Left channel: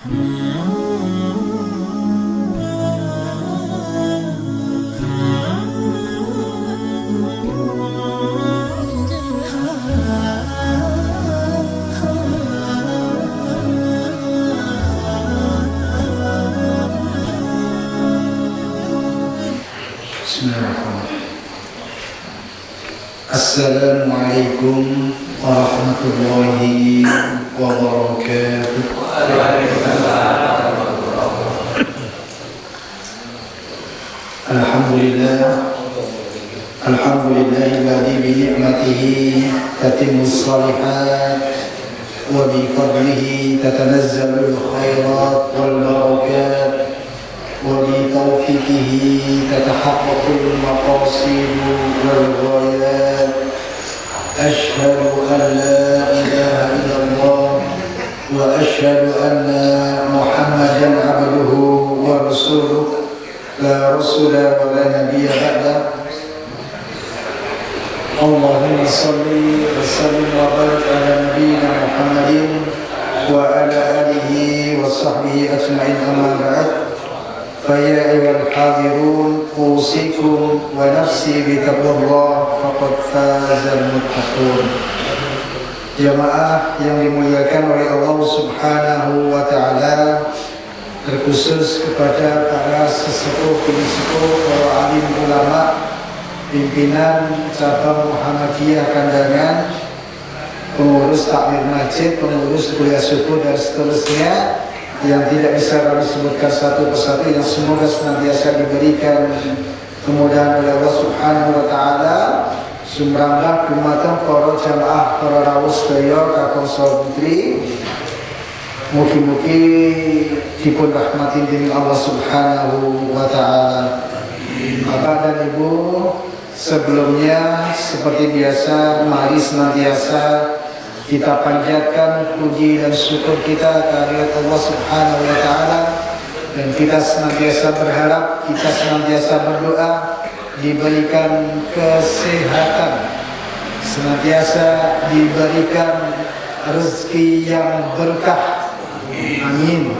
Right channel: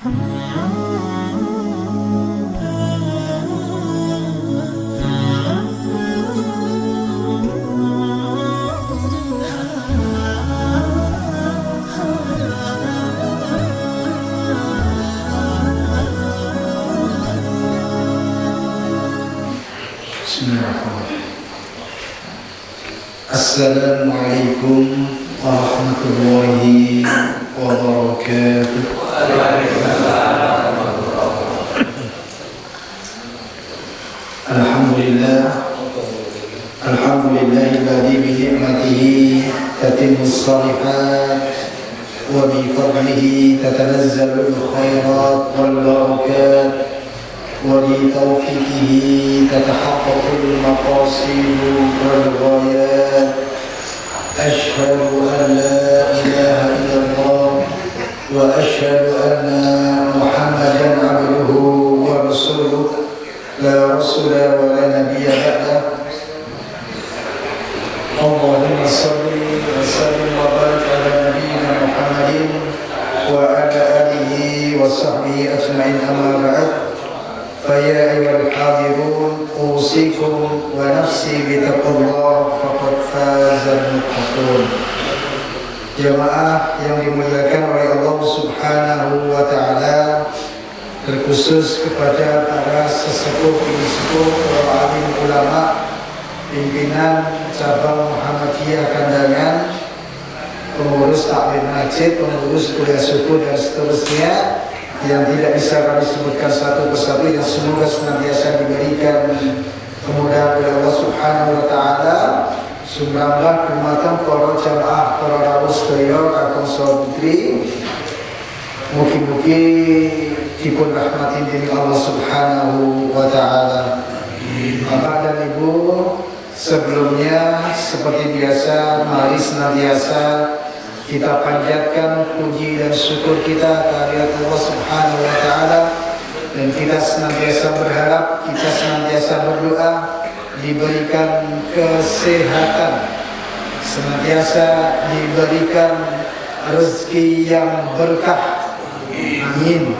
Bismillahirrahmanirrahim. Assalamualaikum warahmatullahi wabarakatuh. Alhamdulillahilladzi bi ni'matihi tatimmus shalihat wa bi fadlihi tatanazzalul khairat wal barakat وبتوفيقه تتحقق المقاصد والغايات أشهد أن لا إله إلا الله وأشهد أن محمدا عبده ورسوله لا رسول ولا نبي بعده اللهم صل وسلم وبارك على نبينا محمد وعلى آله وصحبه أجمعين أما بعد فيا أيها الحاضرون أوصيكم ونفسي بتقوى الله فقد فاز المتقون. Jamaah yang dimuliakan oleh Allah Subhanahu wa taala, terkhusus kepada para sesepuh, bini sepuh, para alim ulama, pimpinan cabang Muhammadiyah Kandangan, pengurus takmir masjid, pengurus kuliah subuh dan seterusnya yang tidak bisa kami sebutkan satu persatu, yang semoga senantiasa diberikan kemudahan oleh Allah Subhanahu wa taala. Sumrambah dumateng para jamaah para rawuh sedaya kakung saha putri, mugi-mugi dipun rahmatin dening Allah Subhanahu wa taala. Bapak dan Ibu, sebelumnya seperti biasa mari senantiasa kita panjatkan puji dan syukur kita kehadirat Allah Subhanahu wa taala, dan kita senantiasa berharap, kita senantiasa berdoa diberikan kesehatan, senantiasa diberikan rezeki yang berkah. Amin.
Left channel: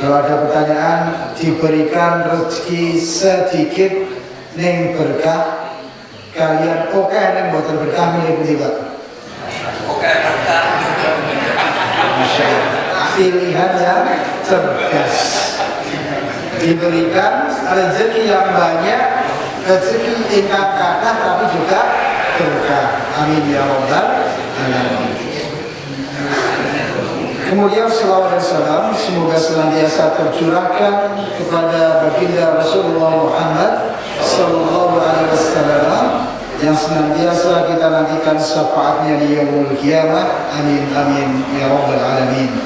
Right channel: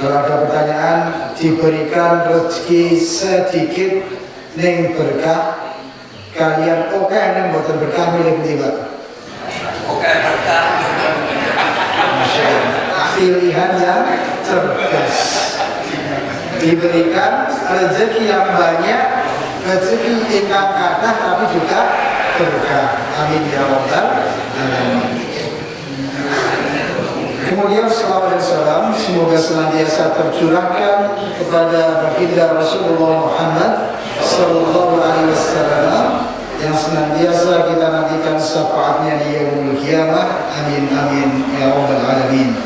Kalau ada pertanyaan, diberikan rezeki sedikit ning berkah, kalian okeh ning mboten berkah, milih pundi, Pak? Masya Allah, pilihan yang cerdas. Diberikan rezeki yang banyak, rezeki ingkang kathah, tapi juga berkah. Amin ya rabbal alamin. Kemudian salawat dan salam semoga senantiasa tercurahkan kepada baginda Rasulullah Muhammad sallallahu alaihi wasallam, yang senantiasa kita nantikan syafaatnya di yaumul qiyamah. Amin amin ya rabbal alamin.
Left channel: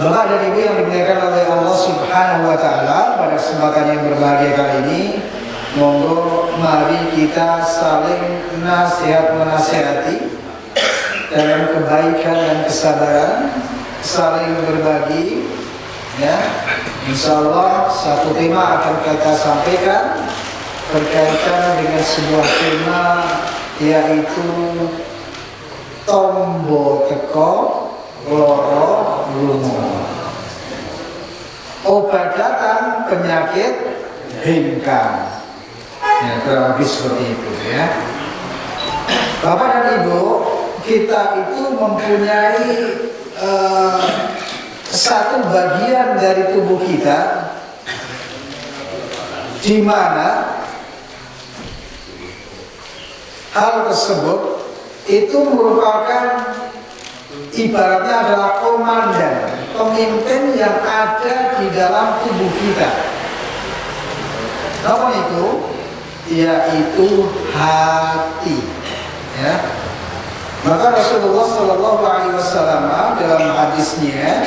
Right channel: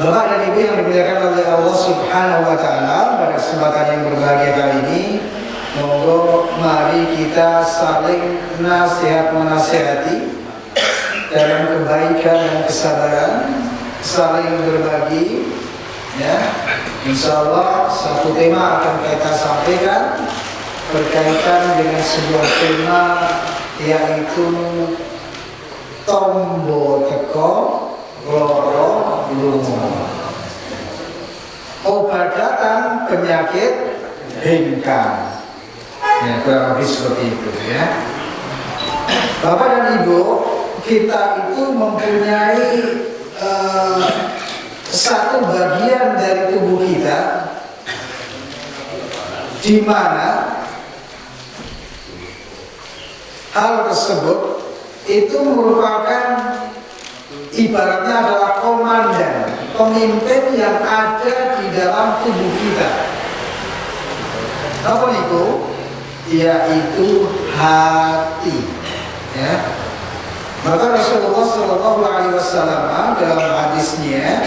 Bapak dan Ibu yang dimuliakan oleh Allah Subhanahu wa taala, pada kesempatan yang berbahagia kali ini, monggo mari kita saling nasihat menasihati dalam kebaikan dan kesabaran, saling berbagi ya. Insyaallah satu tema akan kita sampaikan berkaitan dengan sebuah tema, yaitu tombo teko loro lungo, obat datang penyakit hingkang. Ya, kurang lebih seperti itu ya. Bapak dan Ibu, kita itu mempunyai satu bagian dari tubuh kita di mana hal tersebut itu merupakan ibaratnya adalah komandan, pemimpin yang ada di dalam tubuh kita. Napa niku? Yaitu hati. Ya. Maka Rasulullah Shallallahu Alaihi Wasallam dalam hadisnya,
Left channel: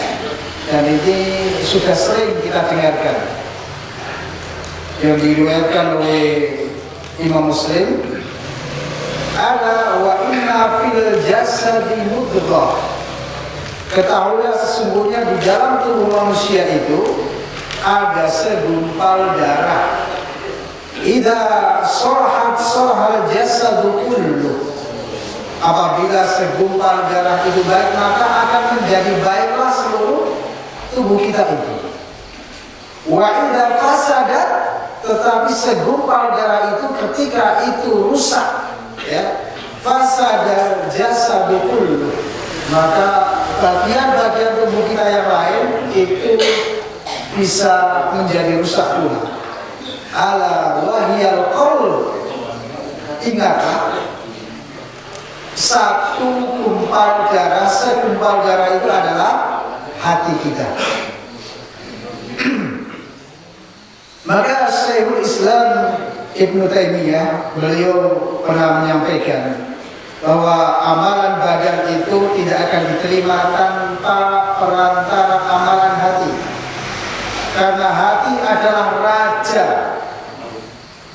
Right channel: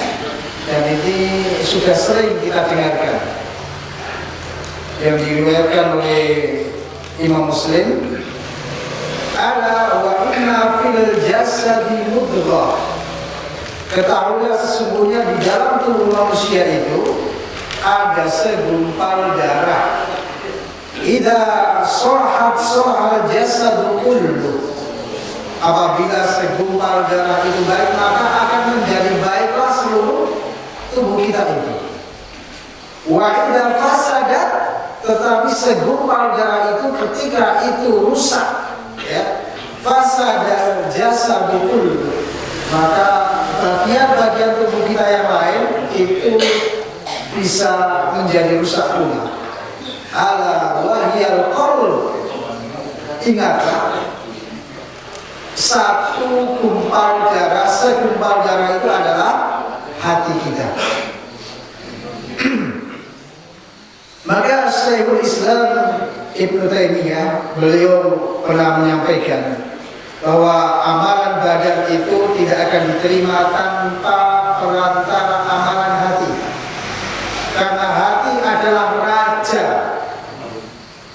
dan ini sudah sering kita dengarkan, yang diriwayatkan oleh Imam Muslim, ala wa inna fil jasadi mudghah, ketahuilah sesungguhnya di dalam tubuh manusia itu ada segumpal darah. Idza sholahat sholahal jasadu kulluh, Apabila segumpal darah itu baik, maka akan menjadi baiklah seluruh tubuh kita itu. Wa idza fasadat, tetapi segumpal darah itu ketika itu rusak, ya, fasadal jasadu kullu, maka bagian-bagian tubuh kita yang lain itu bisa menjadi rusak pula. Ala wahyal qalb, ingatlah, satu gumpal darah, segumpal darah itu adalah hati kita. Maka Syekhul Islam Ibnu Taimiyah, beliau pernah menyampaikan bahwa amalan badan itu tidak akan diterima tanpa perantara amalan hati. Karena hati adalah raja,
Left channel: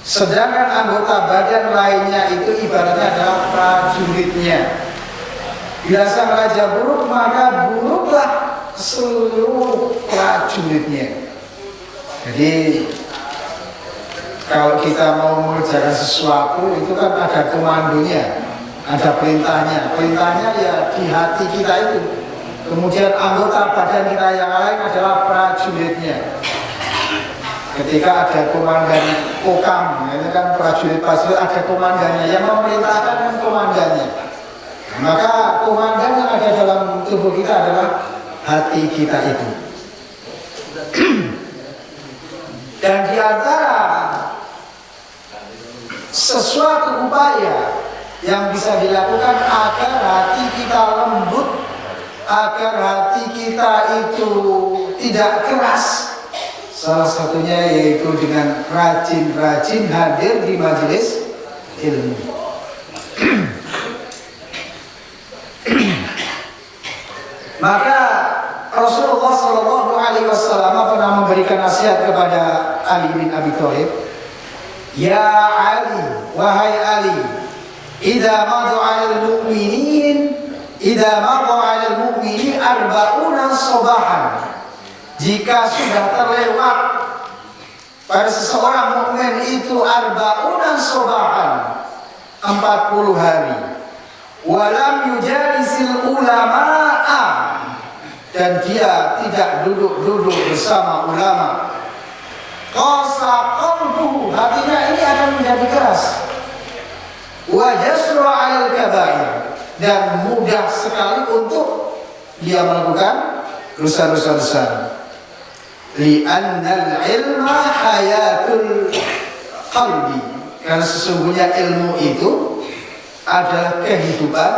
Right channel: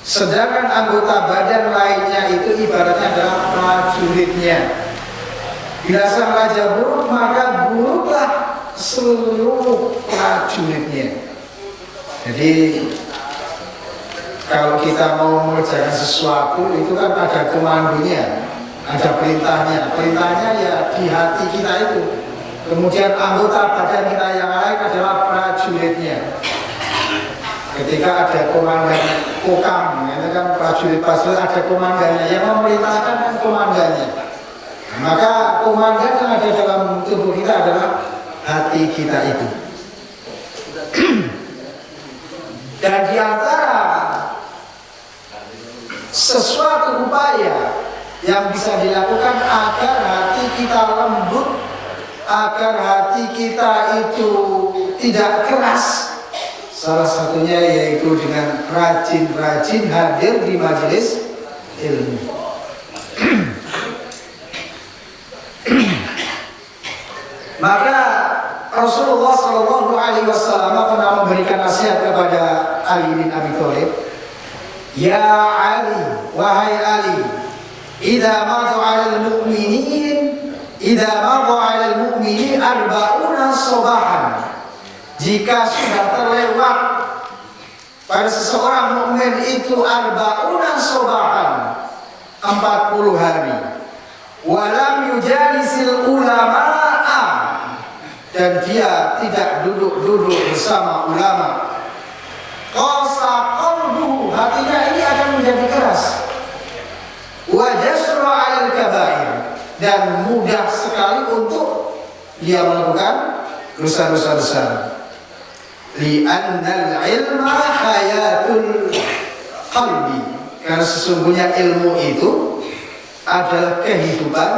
sedangkan anggota badan lainnya itu ibaratnya adalah prajuritnya. Bila sang raja buruk, maka buruklah seluruh prajuritnya. Jadi kalau kita mau mengerjakan sesuatu itu kan ada komandonya, ada perintahnya. Perintahnya ya di hati kita itu. Kemudian anggota badan kita yang lain adalah prajuritnya. Ketika ada komandan kokam, ini kan prajurit-prajurit, ada komandannya, yang memerintahkan kan komandannya. Nah, maka komandan yang ada dalam tubuh kita adalah hati kita itu. Dan di antara sesuatu upaya yang bisa dilakukan agar hati kita lembut, agar hati kita itu tidak keras, salah satunya yaitu dengan rajin-rajin hadir di majelis ilmu. Maka Rasulullah Shallallahu Alaihi Wasallam pernah memberikan nasihat kepada Ali bin Abi Thalib. Ya Ali, wahai Ali, idza madha 'alal mu'minin, idza madha 'alal mu'mini arba'una sabahan. Jika sudah terlewat pada seseorang mukmin itu arba'una sabahan, 40 hari. Walam yujalisil ulama'a, dan dia tidak duduk-duduk bersama ulama. Qasa qalbuhu, hatinya ini akan menjadi keras. Wa jasura 'alal kabair, dan mudah sekali untuk dia melakukan dosa-dosa besar. Li'annal ilma hayatul qalbi, karena sesungguhnya ilmu itu adalah kehidupan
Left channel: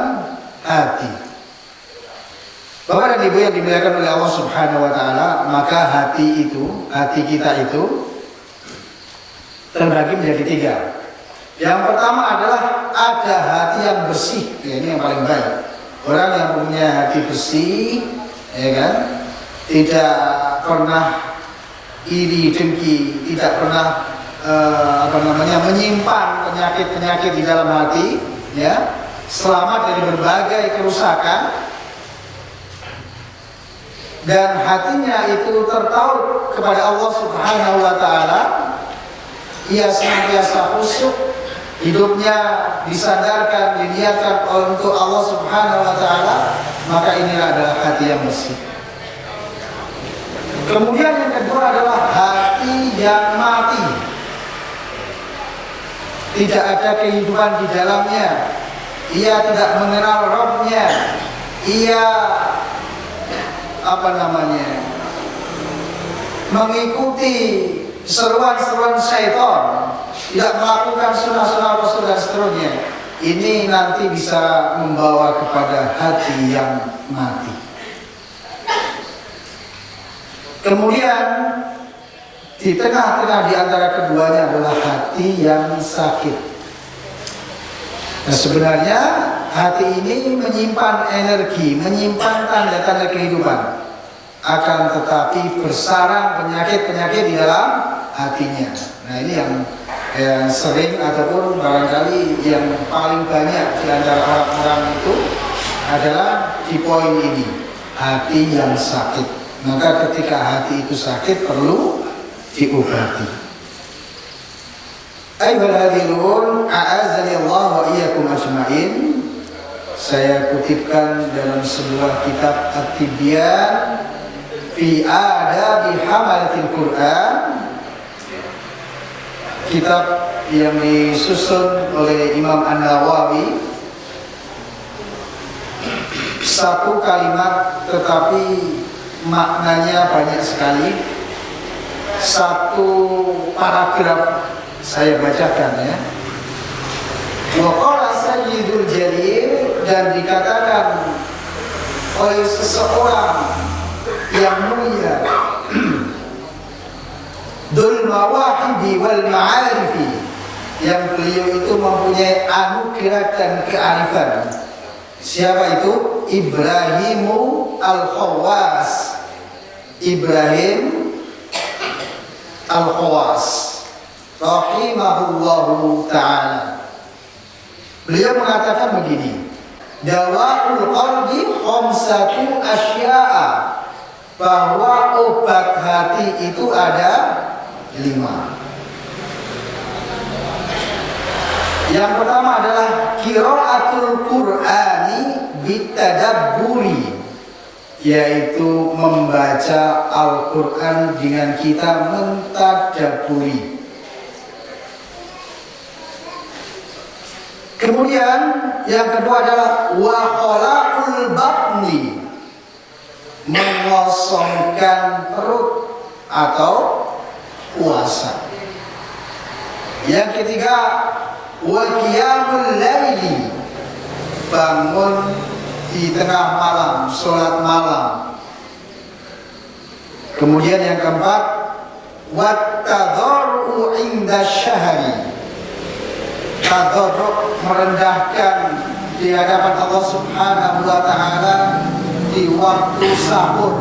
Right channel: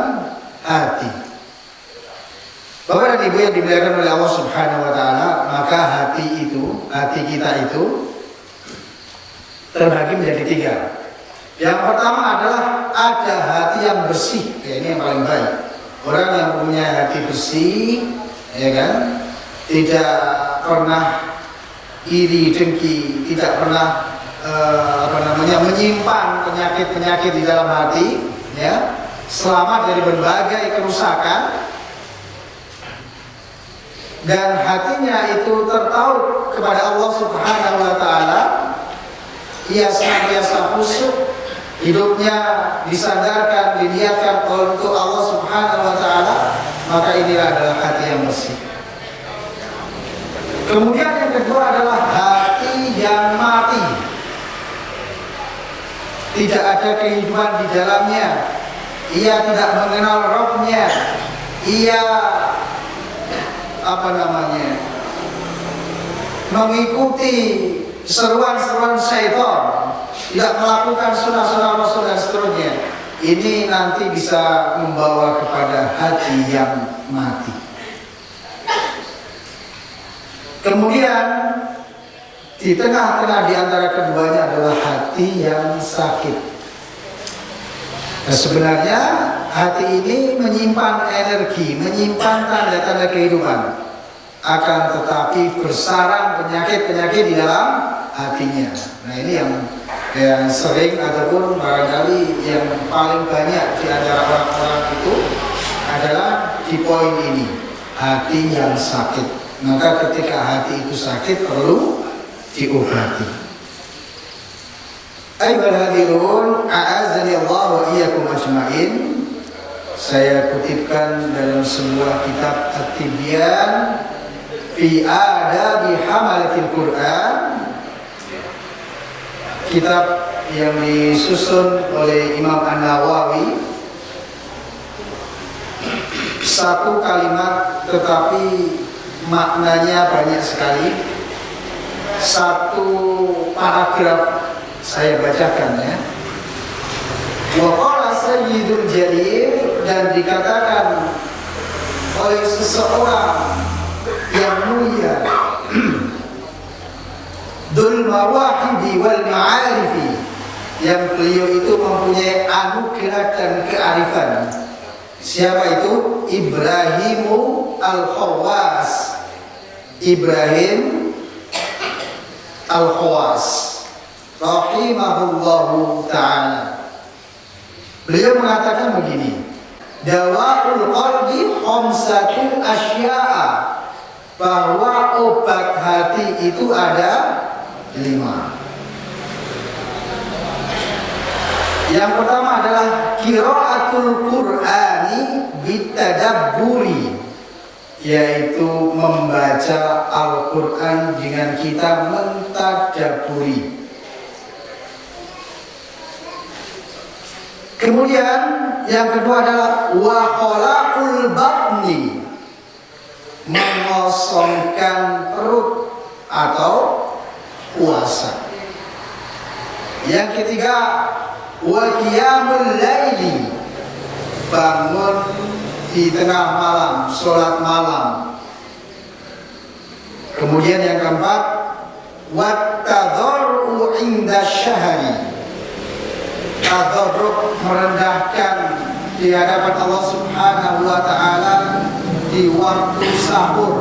hati. Bapak dan Ibu yang dimuliakan oleh Allah Subhanahu wa taala, maka hati kita itu terbagi menjadi 3. Yang pertama adalah ada hati yang bersih, ya ini yang paling baik. Orang yang mempunyai hati bersih, ya kan, tidak pernah iri dengki, tidak pernah menyimpan penyakit-penyakit di dalam hati, ya, selamat dari berbagai kerusakan. Dan hatinya itu tertaut kepada Allah Subhanahu wa taala, ia senantiasa khusyuk, hidupnya disandarkan, diniatkan untuk Allah Subhanahu wa taala, maka inilah adalah hati yang bersih. Kemudian yang kedua adalah hati yang mati, tidak ada kehidupan di dalamnya, ia tidak mengenal Rabb-nya, ia mengikuti seruan-seruan syaitan, tidak melakukan sunnah-sunnah Rasul dan seterusnya. Ini nanti bisa membawa kepada hati yang mati. Kemudian di tengah-tengah di antara keduanya adalah hati yang sakit. Nah, sebenarnya hati ini menyimpan energi, menyimpan tanda-tanda kehidupan. Akan tetapi bersarang penyakit-penyakit di dalam hatinya. Nah, ini yang sering ataupun barangkali yang paling banyak di antara orang-orang itu adalah di poin ini, hati yang sakit. Maka ketika hati itu sakit perlu diobati. Ayyuhal hadirun, a'azani Allah wa iyyakum ajmain. Saya kutipkan dalam sebuah kitab At-Tibyan fi Adabi Hamalatil Quran, kitab yang disusun oleh Imam An-Nawawi. Satu kalimat tetapi maknanya banyak sekali. Satu paragraf saya bacakan ya. Wa qala Sayyidul Jalil, dan dikatakan oleh seseorang yang mulia, Dzul Mawahibi wal Ma'arifi, yang beliau itu mempunyai anugerah dan kearifan. Siapa itu? Ibrahimu Al-Khawas. Ibrahim Al-Khawas rahimahullahu ta'ala. Beliau mengatakan begini, dawaul qalbi khamsatu asya'a, bahwa obat hati itu ada 5. Yang pertama adalah qiraatul Qur'ani bitadabburi, yaitu membaca Al-Qur'an dengan kita mentadaburi. Kemudian yang kedua adalah wa khalaul batni, mengosongkan perut atau puasa. Yang ketiga wa qiyamul laili, bangun di tengah malam, sholat malam. Kemudian yang keempat wat tadharru inda syahri, tadharru, merendahkan di hadapan Allah Subhanahu wa ta'ala di waktu sahur.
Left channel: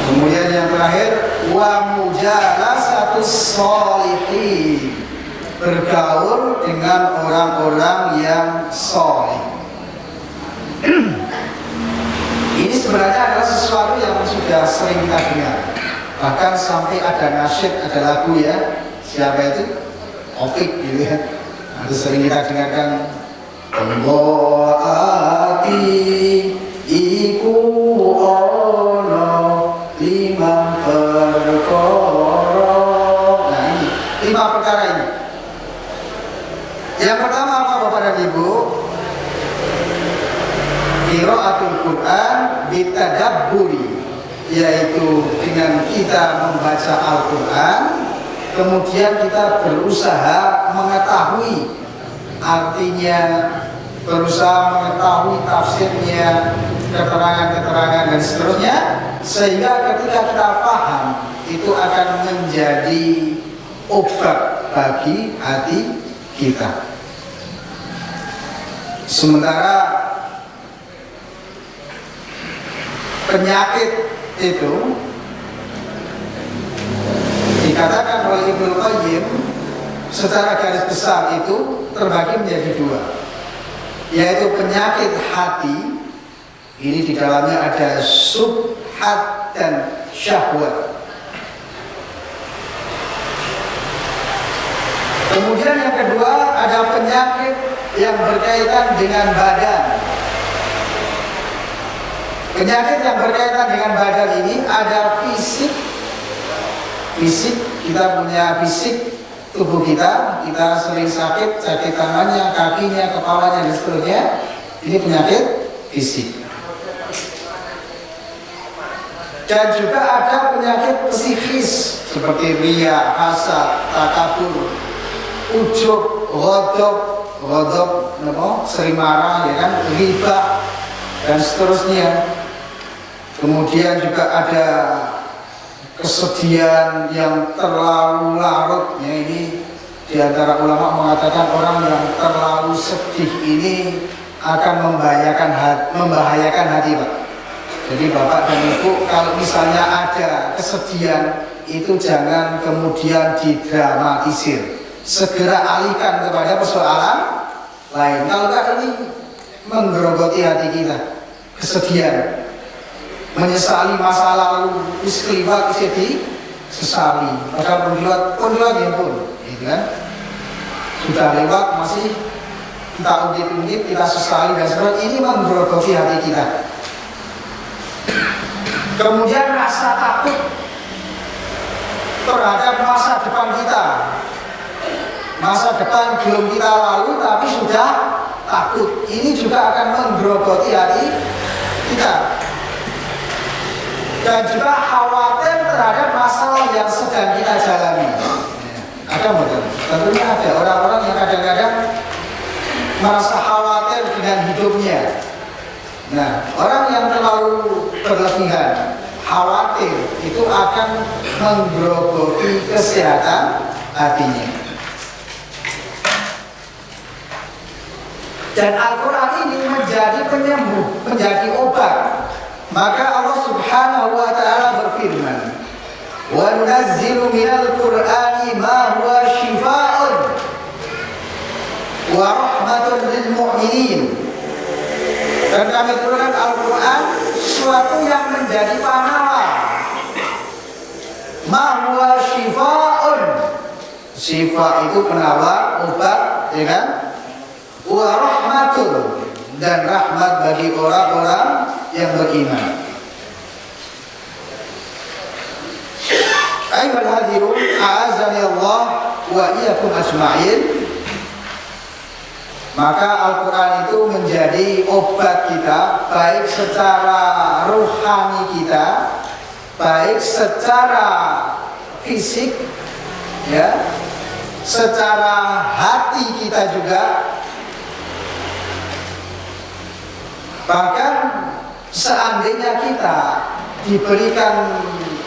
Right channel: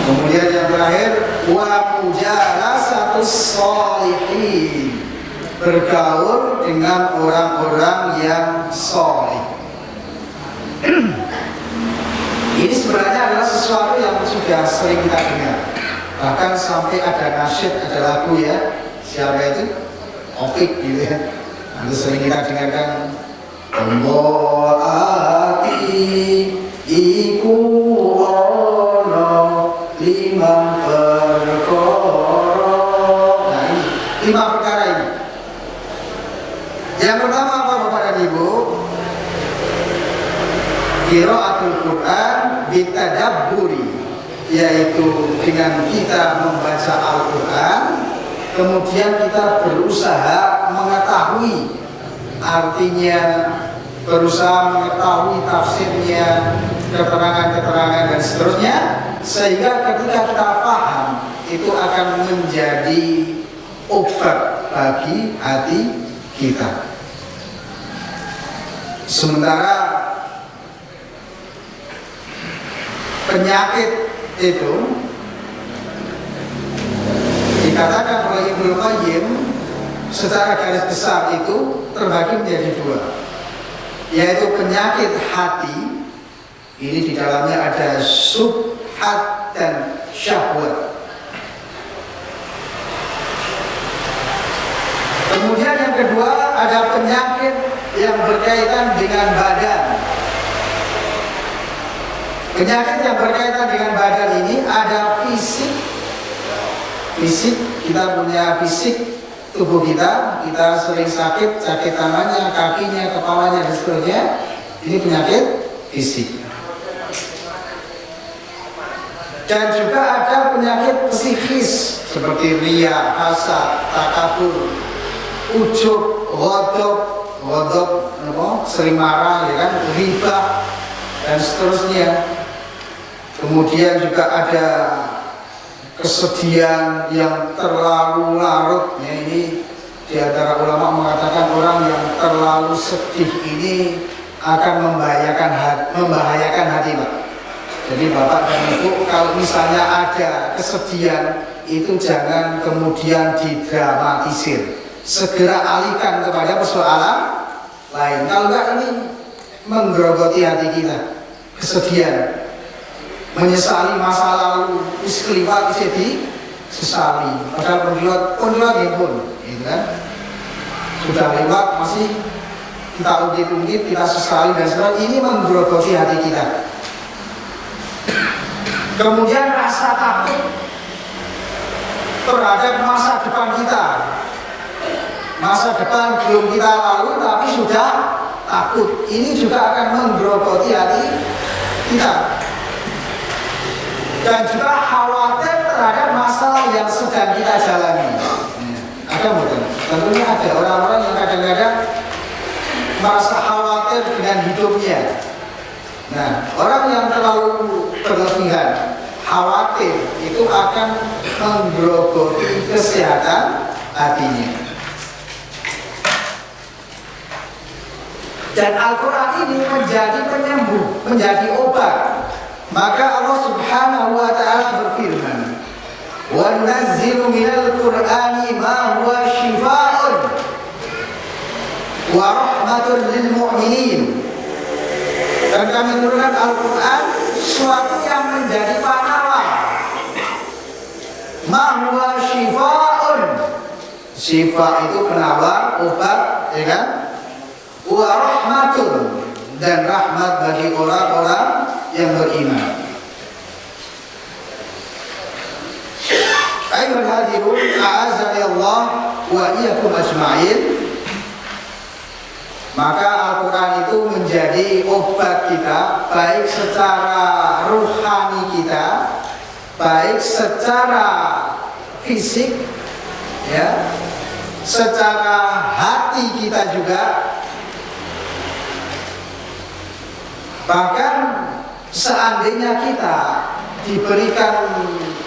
Kemudian yang terakhir wa mujalasatus sholihin, bergaul dengan orang-orang yang solih. Ini sebenarnya adalah sesuatu yang sudah sering kita dengar. Bahkan sampai ada nasyid, ada lagu ya. Siapa itu? Opik gitu ya. Atau sering kita dengarkan, tombo ati iku ono limang perkara. Nah ini 5 perkara ini. Yang pertama apa Bapak dan Ibu? Qiraatul Quran bitadabburi, yaitu dengan kita membaca Al-Quran, kemudian kita berusaha mengetahui artinya, berusaha mengetahui tafsirnya, keterangan-keterangan dan seterusnya, sehingga ketika kita faham itu akan menjadi obat bagi hati kita. Sementara penyakit itu dikatakan oleh Ibnul Qayyim secara garis besar itu terbagi menjadi 2, yaitu penyakit hati. Ini di dalamnya ada subhat dan syahwat. Kemudian yang kedua ada penyakit yang berkaitan dengan badan. Penyakit yang berkaitan dengan badan ini ada fisik. Fisik, kita punya fisik tubuh kita sering sakit tangannya, kakinya, kepalanya dan seterusnya. Ini penyakit fisik. Dan juga ada penyakit psikis seperti riya, hasad, takabur, ujub, ghadab, sering marah ya kan, ghibah dan seterusnya. Kemudian juga ada kesedihan yang terlalu larut ya. Ini di antara ulama mengatakan orang yang terlalu sedih ini akan membahayakan hati Pak. Jadi Bapak dan Ibu kalau misalnya ada kesedihan itu jangan kemudian didramatisir, segera alihkan kepada persoalan lain. Kalau enggak ini menggerogoti hati kita, kesedihan, menyesali masa lalu, wis kliwat isih disesali. Padahal pun kliwat nggih pun, itu kan. Sudah lewat masih kita ungkit-ungkit, kita sesali dan seterusnya, ini menggerogoti hati kita. Kemudian rasa takut terhadap masa depan kita. Masa depan belum kita lalui tapi sudah takut. Ini juga akan menggerogoti hati kita. Dan juga khawatir terhadap masalah yang sedang kita jalani. Ya, ada mboten? Tentunya ada orang-orang yang kadang-kadang merasa khawatir dengan hidupnya. Nah, orang yang terlalu berlebihan khawatir itu akan menggerogoti kesehatan hatinya. Dan Al-Quran ini menjadi penyembuh, menjadi obat. Maka Allah Subhanahu wa ta'ala berfirman, wa nunazzilu minal Qur'ani ma huwa shifaa'un wa rahmatun lil mu'minin. Dan kami turunkan Al-Quran suatu yang menjadi penawar. Ma huwa shifaa'un. Shifa itu penawar, obat, ya kan? Wa rahmatun, dan rahmat bagi orang-orang yang beriman. Ayuhal hadirun, a'azani Allah wa iyyakum ajma'in. Maka Al-Quran itu menjadi obat kita, baik secara rohani kita, baik secara fisik, ya, secara hati kita juga. Bahkan seandainya kita diberikan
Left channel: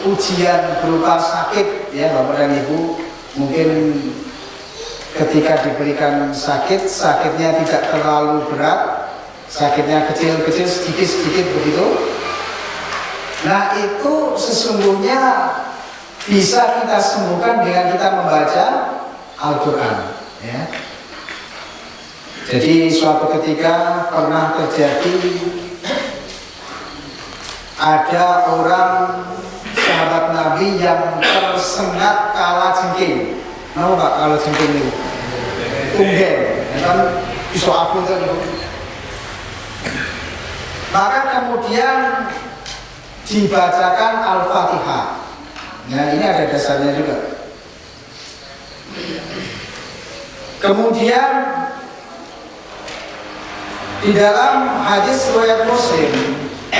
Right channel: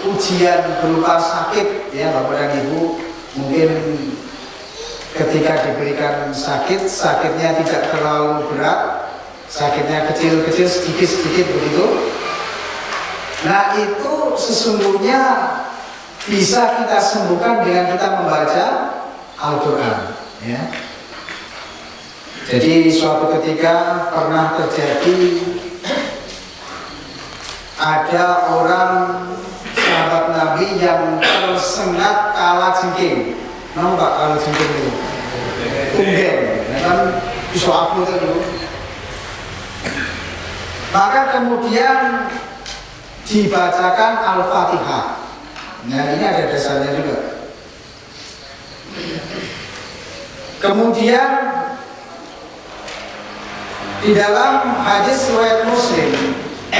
ujian berupa sakit, ya Bapak dan Ibu, mungkin ketika diberikan sakit, sakitnya tidak terlalu berat, sakitnya kecil-kecil, sedikit-sedikit begitu. Nah, itu sesungguhnya bisa kita sembuhkan dengan kita membaca Al-Quran, ya. Jadi suatu ketika pernah terjadi ada orang sahabat Nabi yang tersengat kala jengking. Napa Pak kalau jengking niku? Tunggeng. Nah kan iso abuh to niku. Maka kemudian dibacakan Al-Fatihah. Nah, ini ada dasarnya juga. Kemudian di dalam hadis riwayat Muslim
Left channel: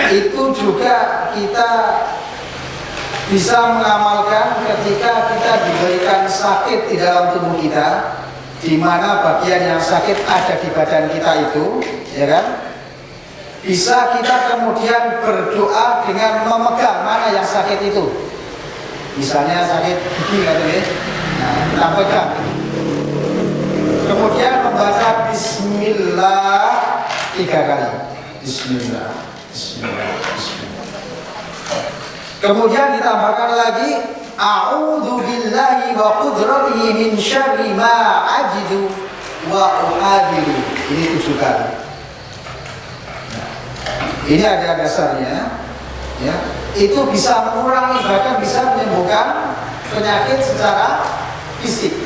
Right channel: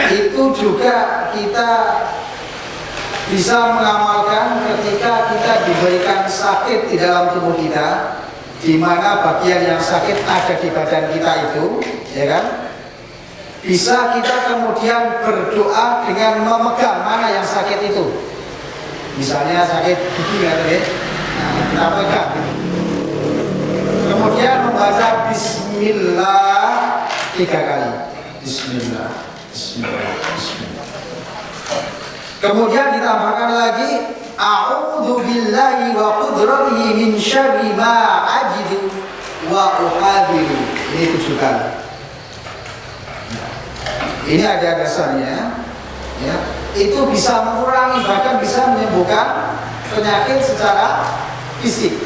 itu juga kita bisa mengamalkan ketika kita diberikan sakit di dalam tubuh kita, di mana bagian yang sakit ada di badan kita itu, ya kan? Bisa kita kemudian berdoa dengan memegang mana yang sakit itu. Misalnya sakit gigi, ngaten nggih. Nah, kita pegang itu. Kemudian membaca Bismillah 3 kali. Bismillah, Bismillah, Bismillah. Kemudian ditambahkan lagi a'udzu billahi wa qudratihi min syarri ma ajidu wa uhadiru. Ini 7 kali. Nah, ini ada dasarnya, ya. Itu bisa mengurangi, bahkan bisa menyembuhkan penyakit secara fisik.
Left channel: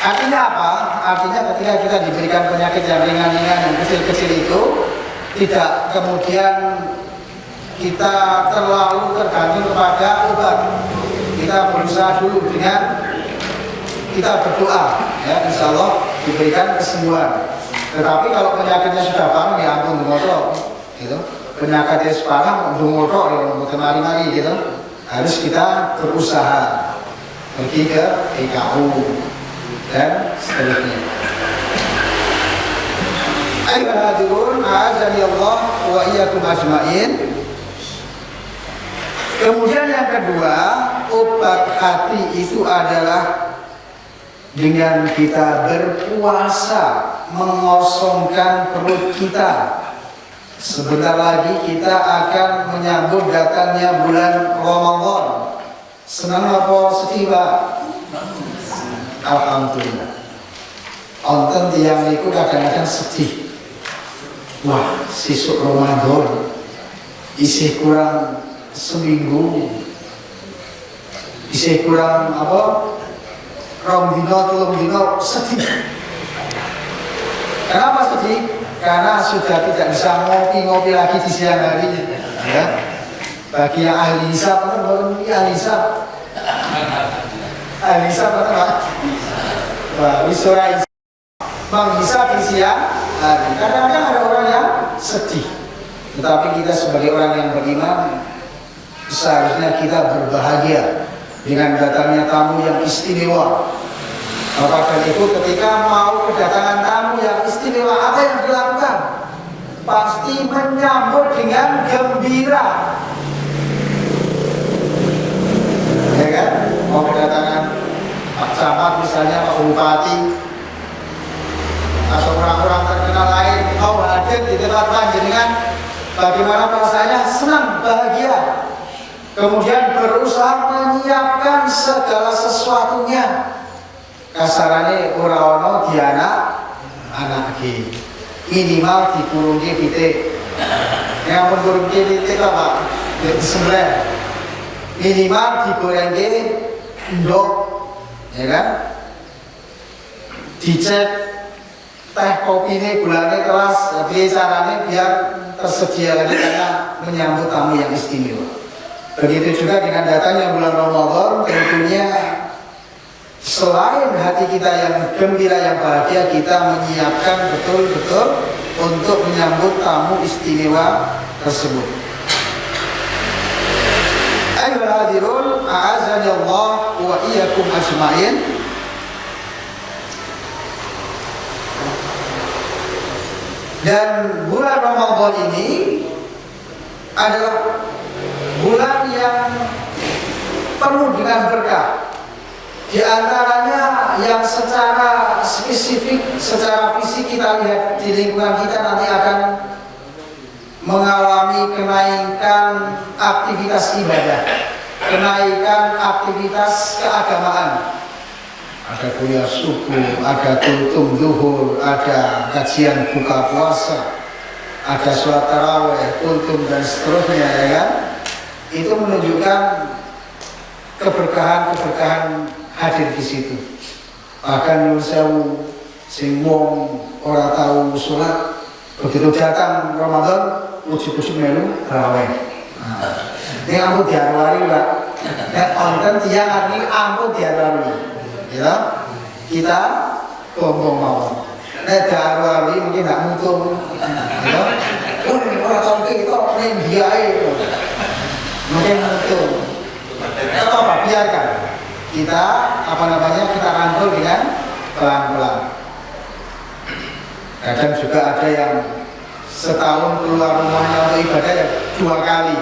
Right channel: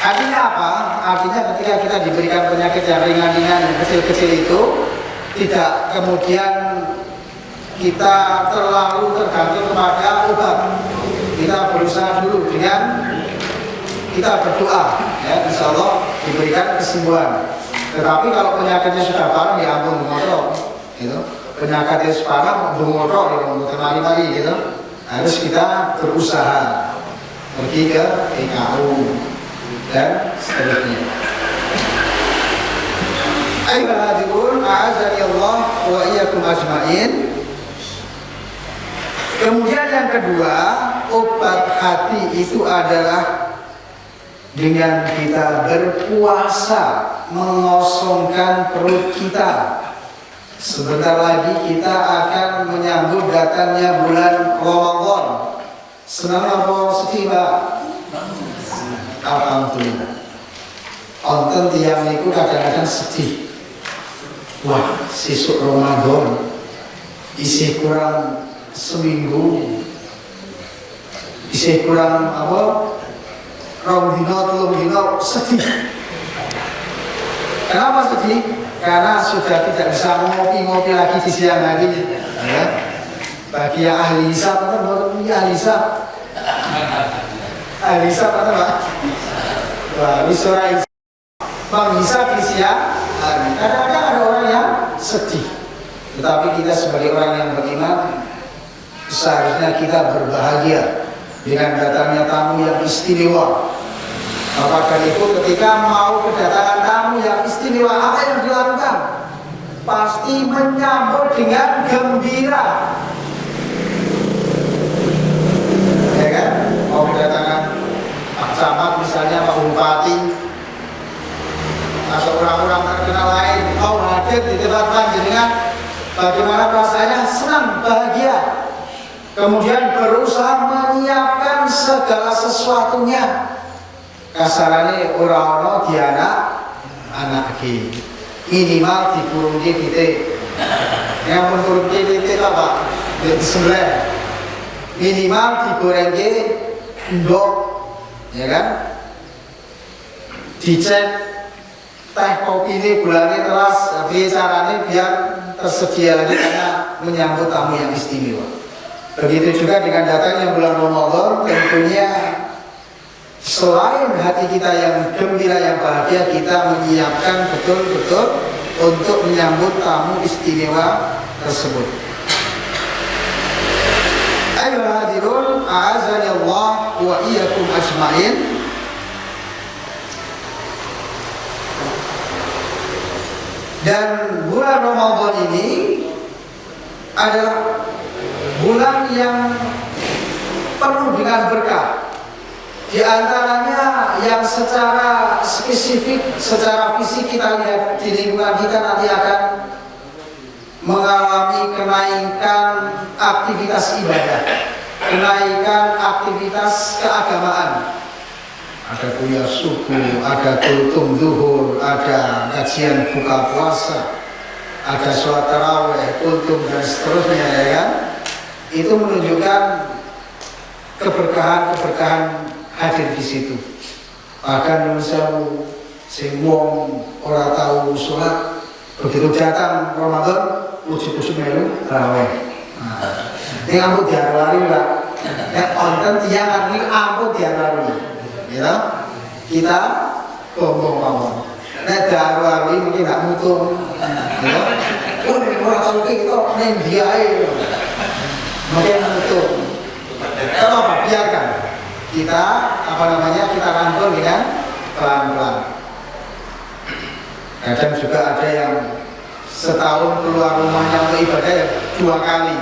Artinya apa? Artinya ketika kita diberikan penyakit yang ringan-ringan, yang kecil-kecil itu, tidak kemudian kita terlalu tergantung kepada obat. Kita berusaha dulu dengan kita berdoa, ya, insya Allah diberikan kesembuhan. Tetapi kalau penyakitnya sudah parah, ya ampun dungoto, gitu. Penyakitnya parah, dungoto, ya mboten mari-mari, gitu. Harus kita berusaha pergi ke PKU dan seterusnya. Ayyuhal hadirun, a'azani Allah wa iyyakum ajmain. Kemudian yang kedua, obat hati itu adalah dengan kita berpuasa, mengosongkan perut kita. Sebentar lagi kita akan menyambut datangnya bulan Ramadan. Senang napa sedih, Pak? Alhamdulillah. Onten tiyang niku kadang-kadang sedih. Wah, sesuk Ramadan isih kurang seminggu, isih kurang apa, 2 dina 3 dina, sedih. Kenapa sedih? Karena sudah tidak bisa ngopi-ngopi lagi di siang hari, gitu. Bagi yang ahli hisab, nonton mboten iki ahli hisab. Ahli hisab nonton, Pak. Wah, wis ora menghisab di siang hari. Kadang-kadang ada orang yang sedih. Tetapi kita sebagai orang yang beriman seharusnya kita berbahagia dengan datangnya tamu yang istimewa. Bapak dan Ibu ketika mau kedatangan tamu yang istimewa, apa yang dilakukan? Pasti menyambut dengan gembira. Ya kan? Mau kedatangan Pak Camat misalnya, Pak Bupati, atau orang-orang terkenal lain mau hadir di tempat panjenengan, bagaimana perasaannya? Senang, bahagia. Kemudian berusaha menyiapkan segala sesuatunya. Kasarane ora ana dianak anake. Minimal dikurungke pitik. Nek ampun kurungke pitik tok, Pak, yo disembelih. Minimal digorengke ndok, ya kan? Dicek teh kopine, gulane telas, priye carane biar tersedia lagi karena menyambut tamu yang istimewa. Begitu juga dengan datangnya bulan Ramadan, tentunya selain hati kita yang gembira, yang bahagia, kita menyiapkan betul-betul untuk menyambut tamu istimewa tersebut. Ayyuhal hadirun, a'azani Allah wa iyyakum ajmain. Dan bulan Ramadan ini adalah bulan yang penuh dengan berkah. Di antaranya yang secara spesifik, secara fisik kita lihat di lingkungan kita nanti akan mengalami kenaikan aktivitas ibadah, kenaikan aktivitas keagamaan. Ada kuliah subuh, ada kultum duhur, ada kajian buka puasa, ada sholat taraweh, kultum dan seterusnya, ya kan? Itu menunjukkan keberkahan hadir di situ. Bahkan nyuwun sewu sing wong ora tahu sholat, begitu datang Ramadan ujuk-ujuk melu taraweh. Nah, ning ampun diaru-aru, Pak. Nek onten tiyang ngaten iki ampun diaru-arui. Gitu. Kita bombong mawon. Nek diaru-arui mungkin ndak mutung. Gitu. Weh, ora tahu ketok ning diae. Mungkin mutung. Gak apa-apa, biarkan. Kita kita rangkul dengan pelan-pelan. Kadang juga ada yang setahun keluar rumahnya untuk ibadah ya 2 kali,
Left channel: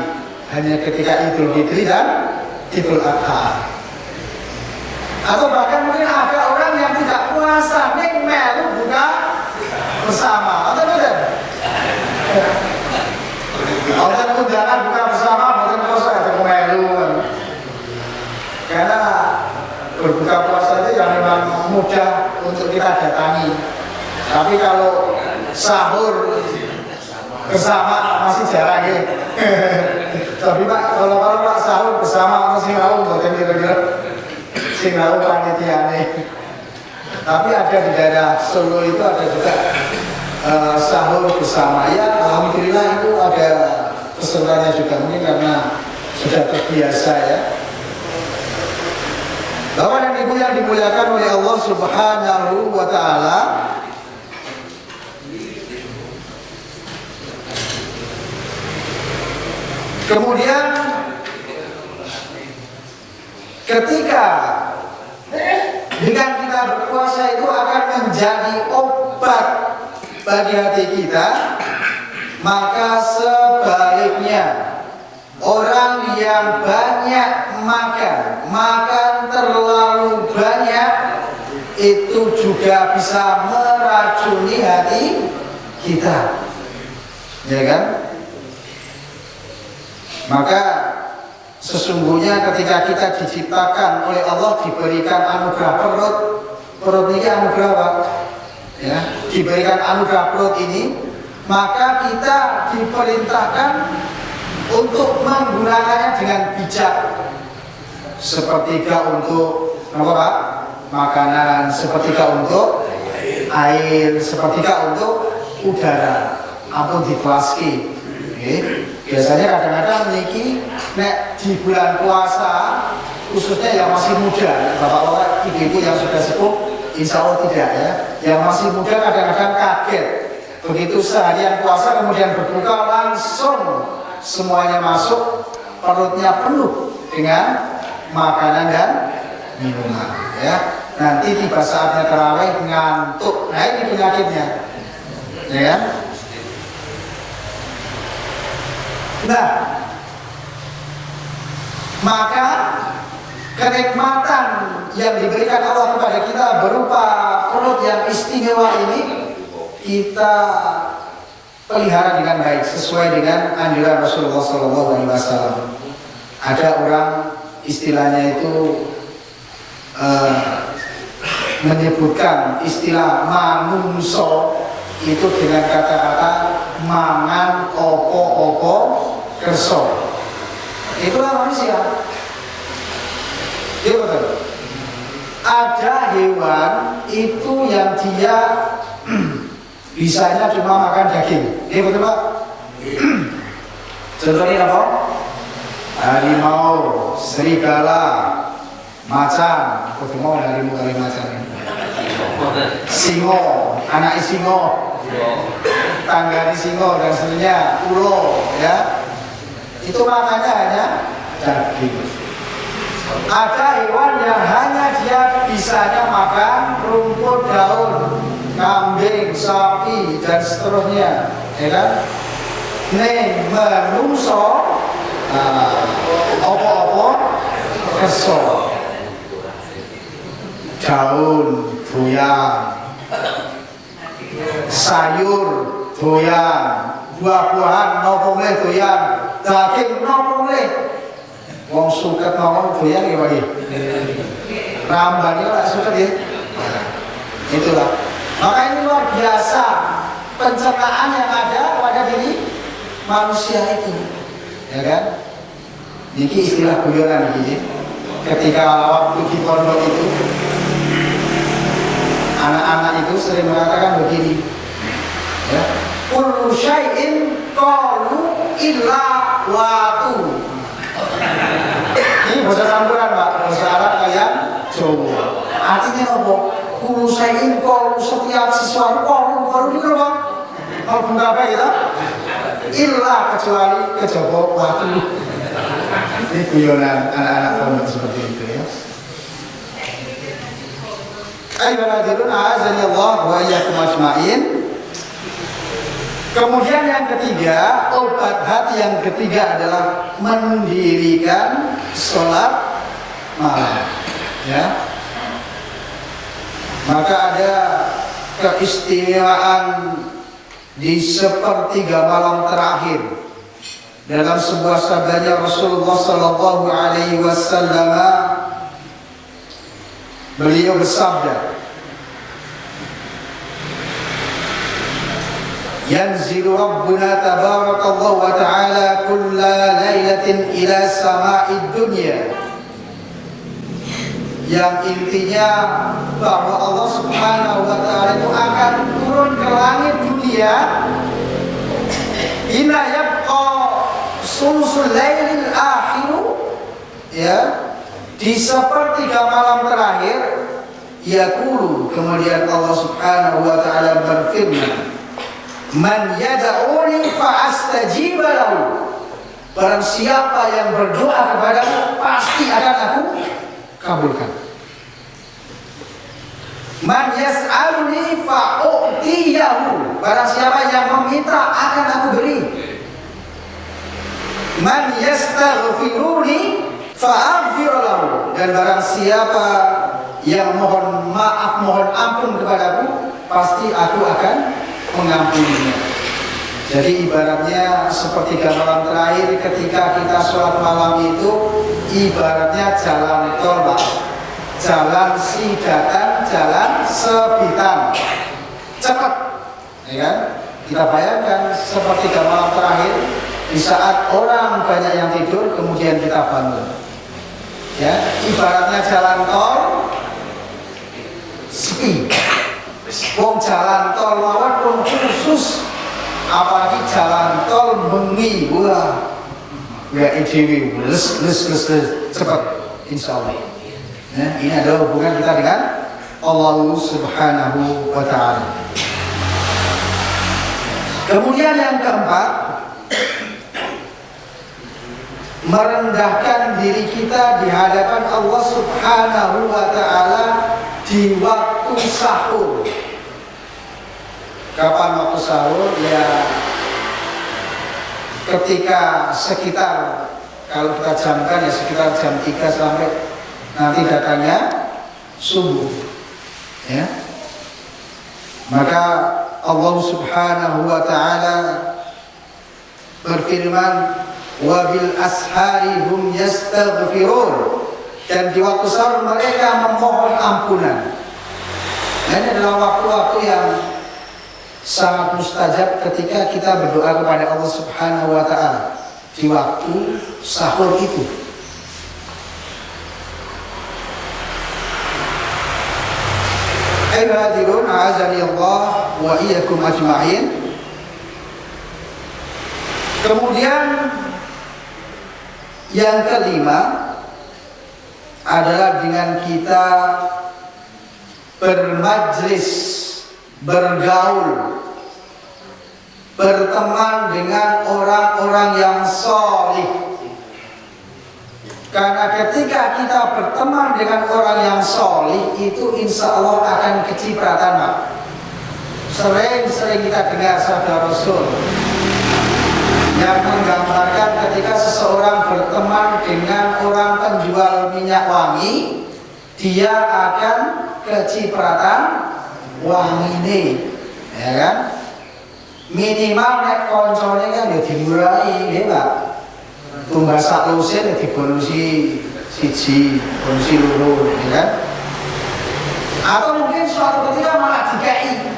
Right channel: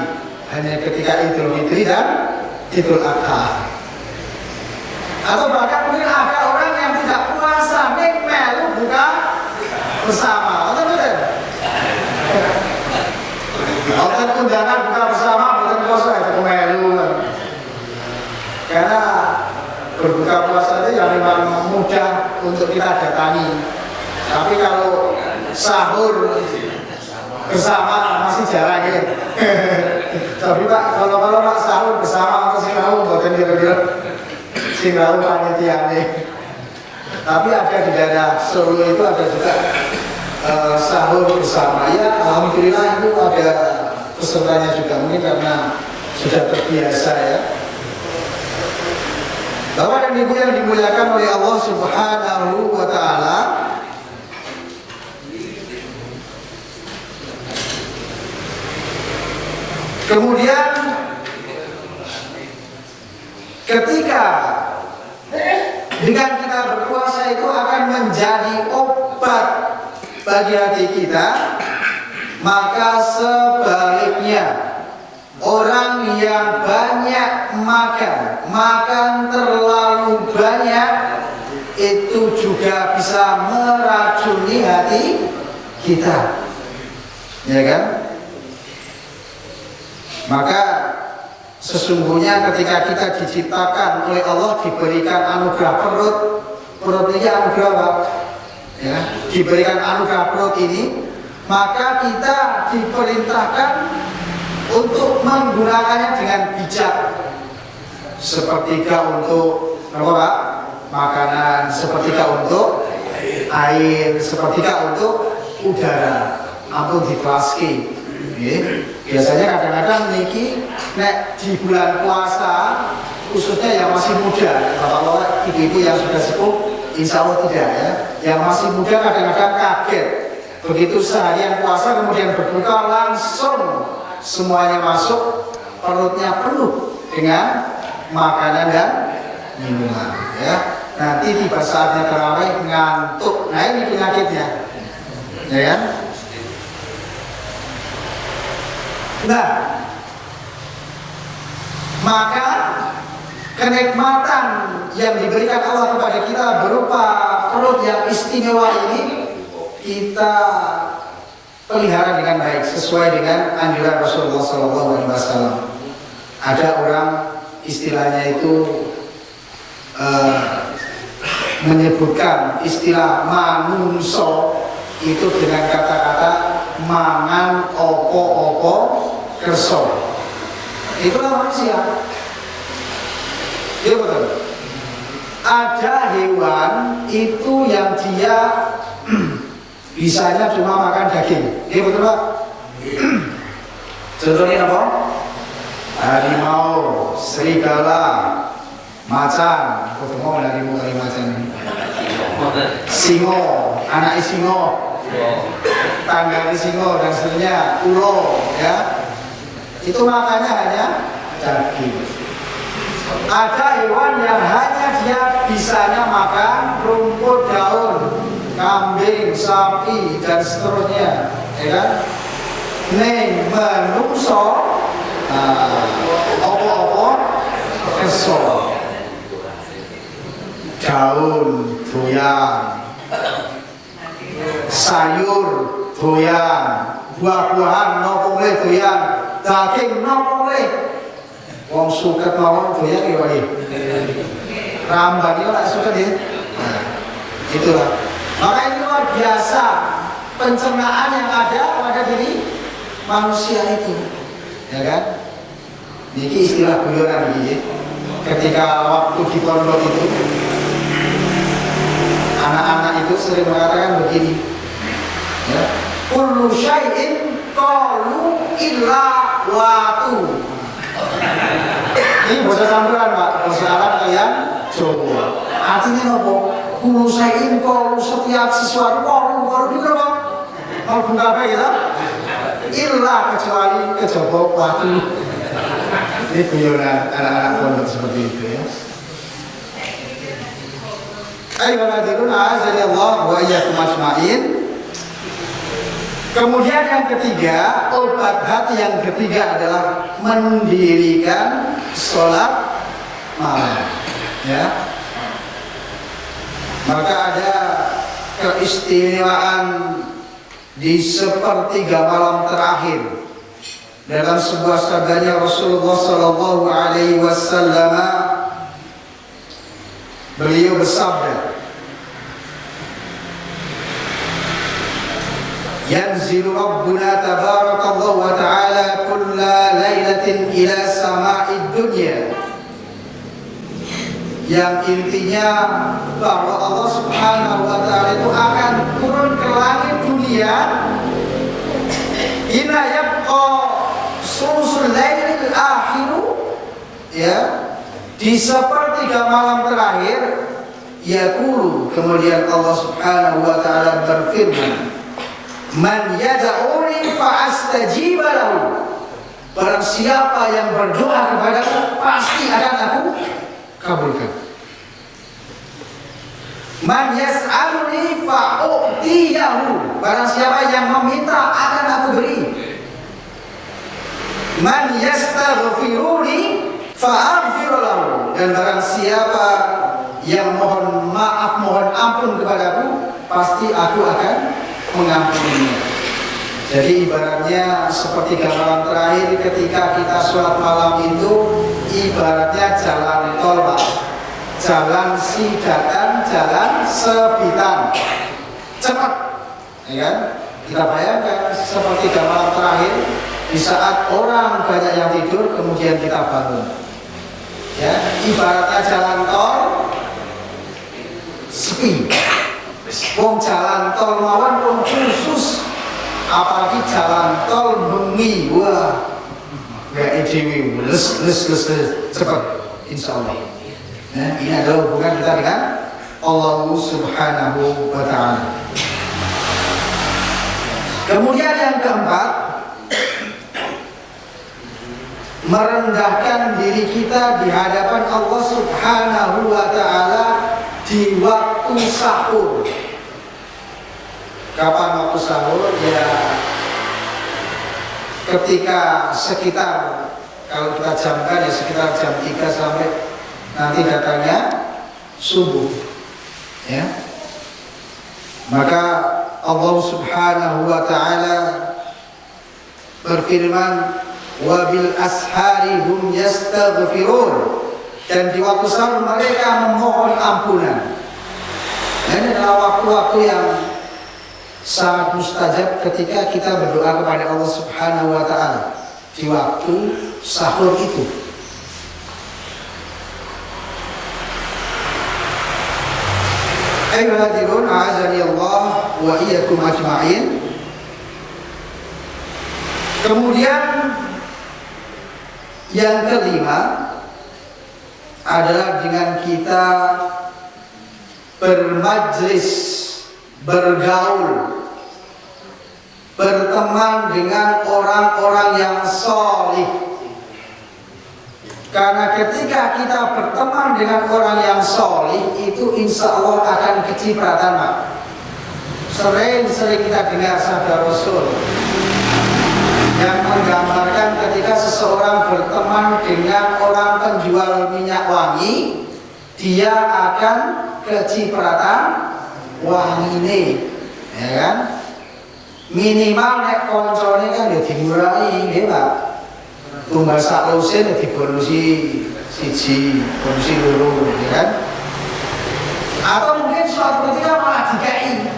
hanya ketika Idul Fitri dan Idul Adha. Atau bahkan mungkin ada orang yang tidak puasa ning melu buka bersama. Wonten mboten? Wonten undangan buka bersama mboten poso itu melu. Karena berbuka puasa itu ya memang mudah untuk kita datangi. Tapi kalau sahur bersama masih jarang nggih. Tapi Pak, kalau Pak sahur bersama wonten sing rawuh mboten kira-kira sing rawuh panitiane. Tapi ada di daerah Solo itu ada juga sahur bersama. Ya alhamdulillah itu ada pesertanya juga, mungkin karena sudah terbiasa ya. Bapak dan Ibu yang dimuliakan oleh Allah Subhanahu wa taala, kemudian ketika dengan kita berpuasa itu akan menjadi obat bagi hati kita, maka sebaliknya orang yang banyak makan terlalu banyak itu juga bisa meracuni hati kita, ya kan? Maka sesungguhnya ketika kita diciptakan oleh Allah diberikan anugerah perut niki anugerah, Pak. Ya, diberikan anugerah perut ini, maka kita diperintahkan untuk menggunakannya dengan bijak. Sepertiga untuk napa, Pak? Makanan, sepertiga untuk air, sepertiga untuk udara. Ampun ditelaski. Nggih. Biasanya kadang-kadang niki nek di bulan puasa khususnya yang masih muda, nek bapak-bapak, ibu-ibu yang sudah sepuh insya Allah tidak ya. Yang masih muda kadang-kadang kaget. Begitu seharian puasa kemudian berbuka langsung semuanya masuk, perutnya penuh dengan makanan dan minuman ya. Nanti tiba saatnya tarawih ngantuk. Nah ini penyakitnya. Ya kan? Nah, maka kenikmatan yang diberikan Allah kepada kita berupa perut yang istimewa ini kita pelihara dengan baik sesuai dengan anjuran Rasulullah Sallallahu Alaihi Wasallam. Ada orang istilahnya itu menyebutkan istilah manungso itu dengan kata-kata mangan opo-opo kerso. Itulah manusia. Ya betul. Ada hewan itu yang dia bisanya cuma makan daging. Ya betul Pak. Contohnya apa? Harimau, serigala, macan. Apa mau harimau kali macan ya? Singo, anak singo, tanggane singo dan seterusnya, ulo ya. Itu makannya hanya daging. Ada hewan yang hanya dia bisanya makan rumput daun, kambing, sapi dan seterusnya, ya kan? Ning menungso opo-opo kerso. Daun doyan, sayur doyan, buah-buahan nopo mleh doyan, daging nopo mleh. Wong suket mawon doyan nggih Pak nggih. Ramban niku lak suket nggih. Nah, itulah. Maka ini luar biasa pencernaan yang ada pada diri manusia itu. Ya kan? Niki istilah guyonan niki nggih. Ketika waktu di pondok itu anak-anak itu sering mengatakan begini. Ya. Kullu syai'in qalu illa watu. Ini bahasa campuran Pak, bahasa Arab kalian Jawa. Artinya nopo? Kulu sain kolu, setiap sesuatu kolu niku nopo? Mlebu kabeh gitu. Illa kecuali kejaba watu. Ini guyonan anak-anak pondok seperti itu ya. Ayyuhal hadirun azani Allah wa iyyakum ajmain. Kemudian yang ketiga, obat hati yang ketiga adalah mendirikan sholat malam ya. Maka ada keistimewaan di sepertiga malam terakhir. Dalam sebuah sabdanya Rasulullah sallallahu alaihi wasallam, beliau bersabda, yanzilu rabbuna tabarakallahu wa ta'ala kulla lailatin ila sama'id dunya. Yang intinya bahwa Allah Subhanahu wa ta'ala itu akan turun ke langit dunia hina yabqa sulusul lailil akhiru ya, di sepertiga malam terakhir. Yaqulu, kemudian Allah Subhanahu wa ta'ala berfirman, man yad'uni fa'astajib lahu. Barang siapa yang berdoa kepadaku pasti akan aku kabulkan. Man yas'aluni fa'u'tiyahu. Barang siapa yang meminta akan aku beri. Man yastaghfiruni fa'aghfir lahu. Dan barang siapa yang mohon maaf, mohon ampun kepadaku, pasti aku akan mengampuninya. Jadi ibaratnya sepertiga malam terakhir ketika kita sholat malam itu ibaratnya jalan tol Pak, jalan sidatan, jalan sebitan, cepat, ya kan? Kita bayangkan sepertiga malam terakhir di saat orang banyak yang tidur, kemudian kita bangun, ya ibaratnya jalan tol sepi, Wong jalan tol mawon pun khusus, apalagi jalan tol bengi, wah dhewe les cepat insyaallah. Nah, ini adalah hubungan kita dengan Allah Subhanahu wa taala. Kemudian yang keempat, merendahkan diri kita di hadapan Allah Subhanahu wa taala di waktu sahur. Kapan waktu sahur? Ya ketika sekitar, kalau kita jamkan ya sekitar jam 3 sampai nanti datangnya subuh. Ya. Maka Allah Subhanahu wa taala berfirman, wa bil ashari hum yastaghfirun, dan di waktu sahur mereka memohon ampunan. Nah, ini adalah waktu-waktu yang sangat mustajab ketika kita berdoa kepada Allah Subhanahu wa taala di waktu sahur itu. Ayyuhal hadirun, a'azani Allah wa iyyakum ajma'in. Kemudian yang kelima adalah dengan kita bermajlis, bergaul, berteman dengan orang-orang yang solih. Karena ketika kita berteman dengan orang yang solih itu insya Allah akan kecipratan, Pak. Sering-sering kita dengar sabda Rasul yang menggambarkan ketika seseorang berteman dengan orang penjual minyak wangi, dia akan kecipratan wangine, ya kan? Minimal nek koncone kan ya dimurai, nggih Pak. Tumbas sak lusin ya dibonusi siji, bonusi loro, ya kan? Atau mungkin suatu ketika malah dikei,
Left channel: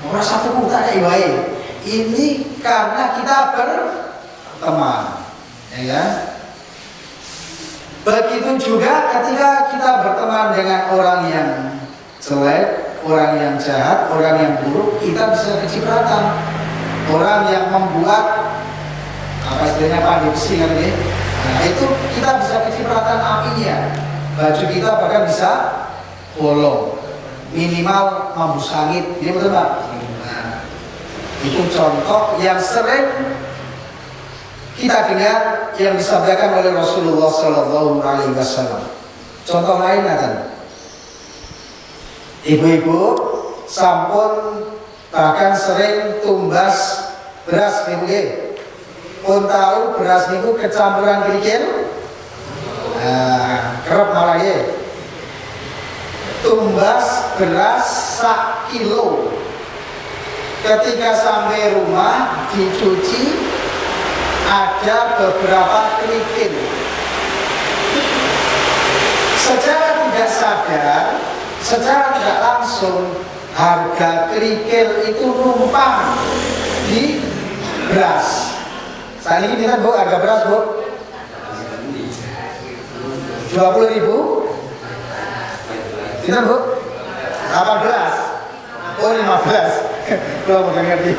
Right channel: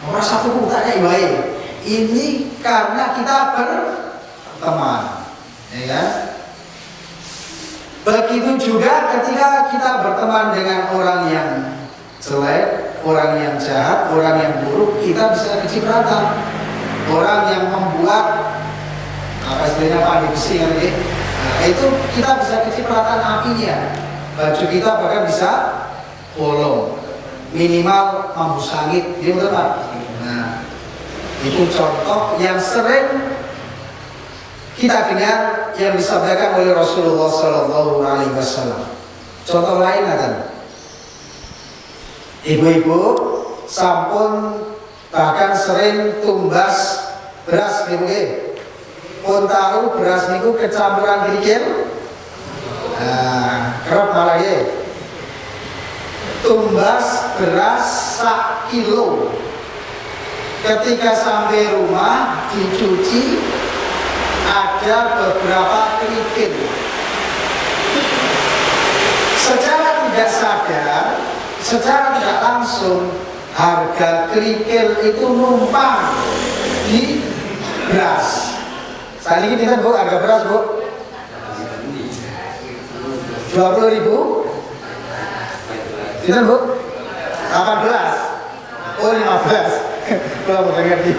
ora satuku tak kei wae. Ini karena kita berteman, ya kan? Begitu juga ketika kita berteman dengan orang yang jelek, orang yang jahat, orang yang buruk, kita bisa kecipratan. Orang yang membuat apa istilahnya pandai besi ngaten nggih. Nah, itu kita bisa kecipratan apinya. Baju kita bahkan bisa bolong. Minimal mambu sangit, nggih betul, Pak? Nah, itu contoh yang sering kita dengar yang disabdakan oleh Rasulullah sallallahu alaihi wasallam. Contoh lain ngaten. Ibu-ibu sampun bahkan sering tumbas beras nggih Bu nggih. Pun tahu beras niku kecampuran kerikil. Nah, kerep malah nggih. Tumbas beras sak kilo. Ketika sampai rumah dicuci, ada beberapa kerikil. Secara tidak sadar, secara tidak langsung, harga kerikil itu numpang di beras. Saat ini pinten Bu harga beras Bu? 20.000. Pinten Bu? 18. Oh 15. Kula mboten ngerti.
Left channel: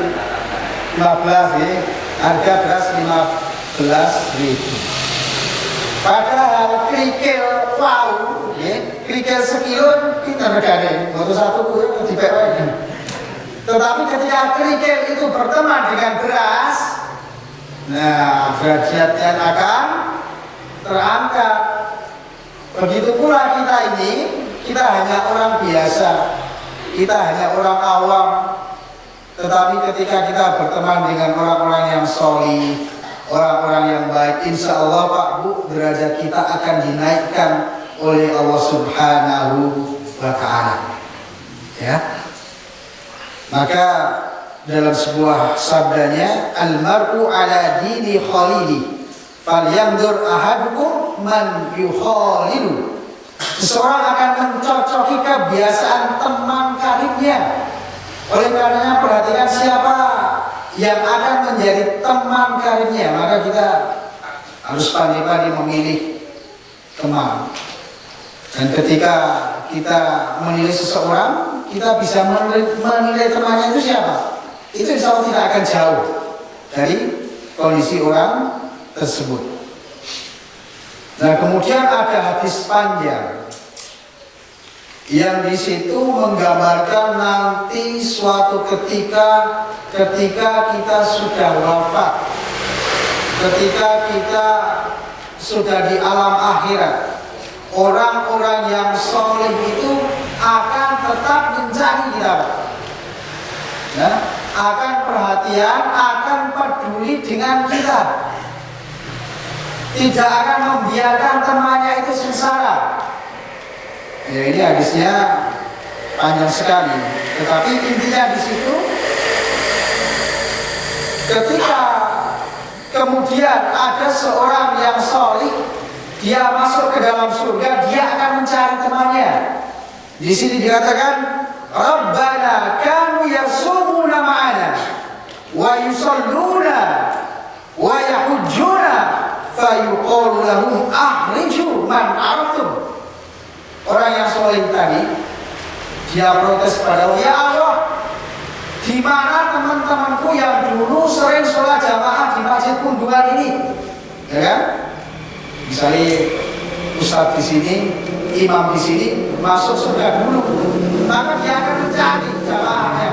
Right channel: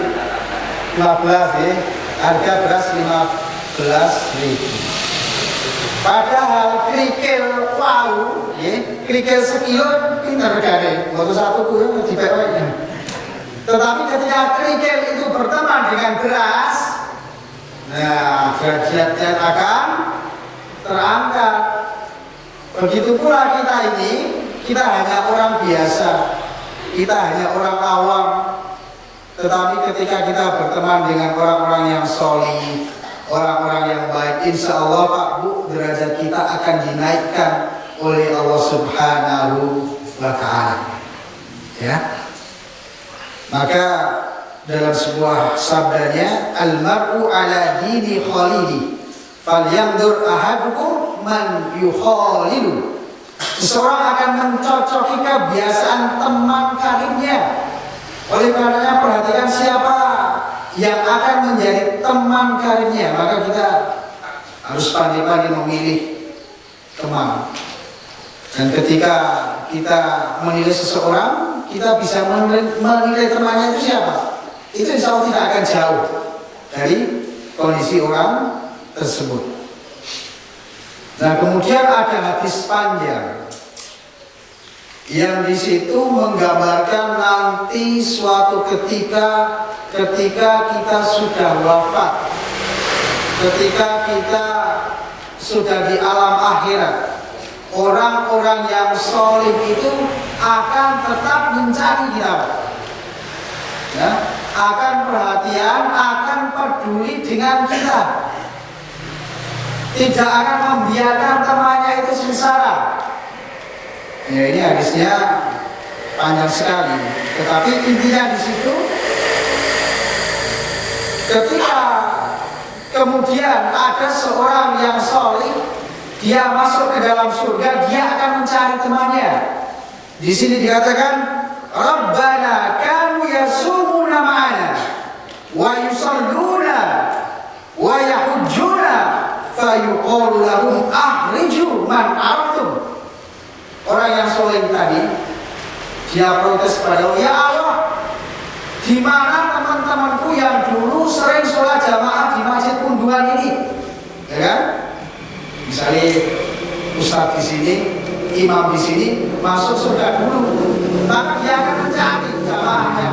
15 nggih. Harga beras 15.000. Padahal kerikil wow, nggih. Kerikil sekilo kan pinten regane? Mboten satu ku ya dipek wae. Tetapi ketika kerikil itu berteman dengan beras, nah derajatnya akan terangkat. Begitu pula kita ini, kita hanya orang biasa, kita hanya orang awam. Tetapi ketika kita berteman dengan orang-orang yang solih, orang-orang yang baik, insya Allah Pak Bu, derajat kita akan dinaikkan oleh Allah Subhanahu wa ta'ala. Ya. Maka dalam sebuah sabdanya, al-mar'u ala dini khalili falyandur ahadukum man yukhalilu. Seseorang akan mencocoki kebiasaan teman karibnya. Oleh karenanya perhatikan siapa yang akan menjadi teman karibnya. Maka kita harus pandai-pandai memilih teman. Dan ketika kita menilai seseorang, kita bisa menilai temannya itu siapa, itu insya Allah tidak akan jauh dari kondisi orang tersebut. Nah, kemudian ada hadis panjang yang di situ menggambarkan nanti suatu ketika kita sudah wafat, ketika kita sudah di alam akhirat, orang-orang yang solih itu akan tetap mencari kita, Pak. Ya, akan perhatian, akan peduli dengan kita. Tidak akan membiarkan temannya itu sengsara. Ya, ini hadisnya panjang sekali, tetapi intinya di situ ketika kemudian ada seorang yang solih, dia masuk ke dalam surga, dia akan mencari temannya. Di sini dikatakan, Rabbana kanu yasumuna ma'ana wa yusalluna wa yahujjuna fayuqalu lahum akhriju man araftum. Orang yang soleh tadi, dia protes kepada Allah, ya Allah, di mana teman-temanku yang dulu sering sholat jamaah di Masjid Punduan ini, ya kan? Misalnya ustadz di sini, imam di sini masuk surga dulu, maka dia akan mencari jamaahnya.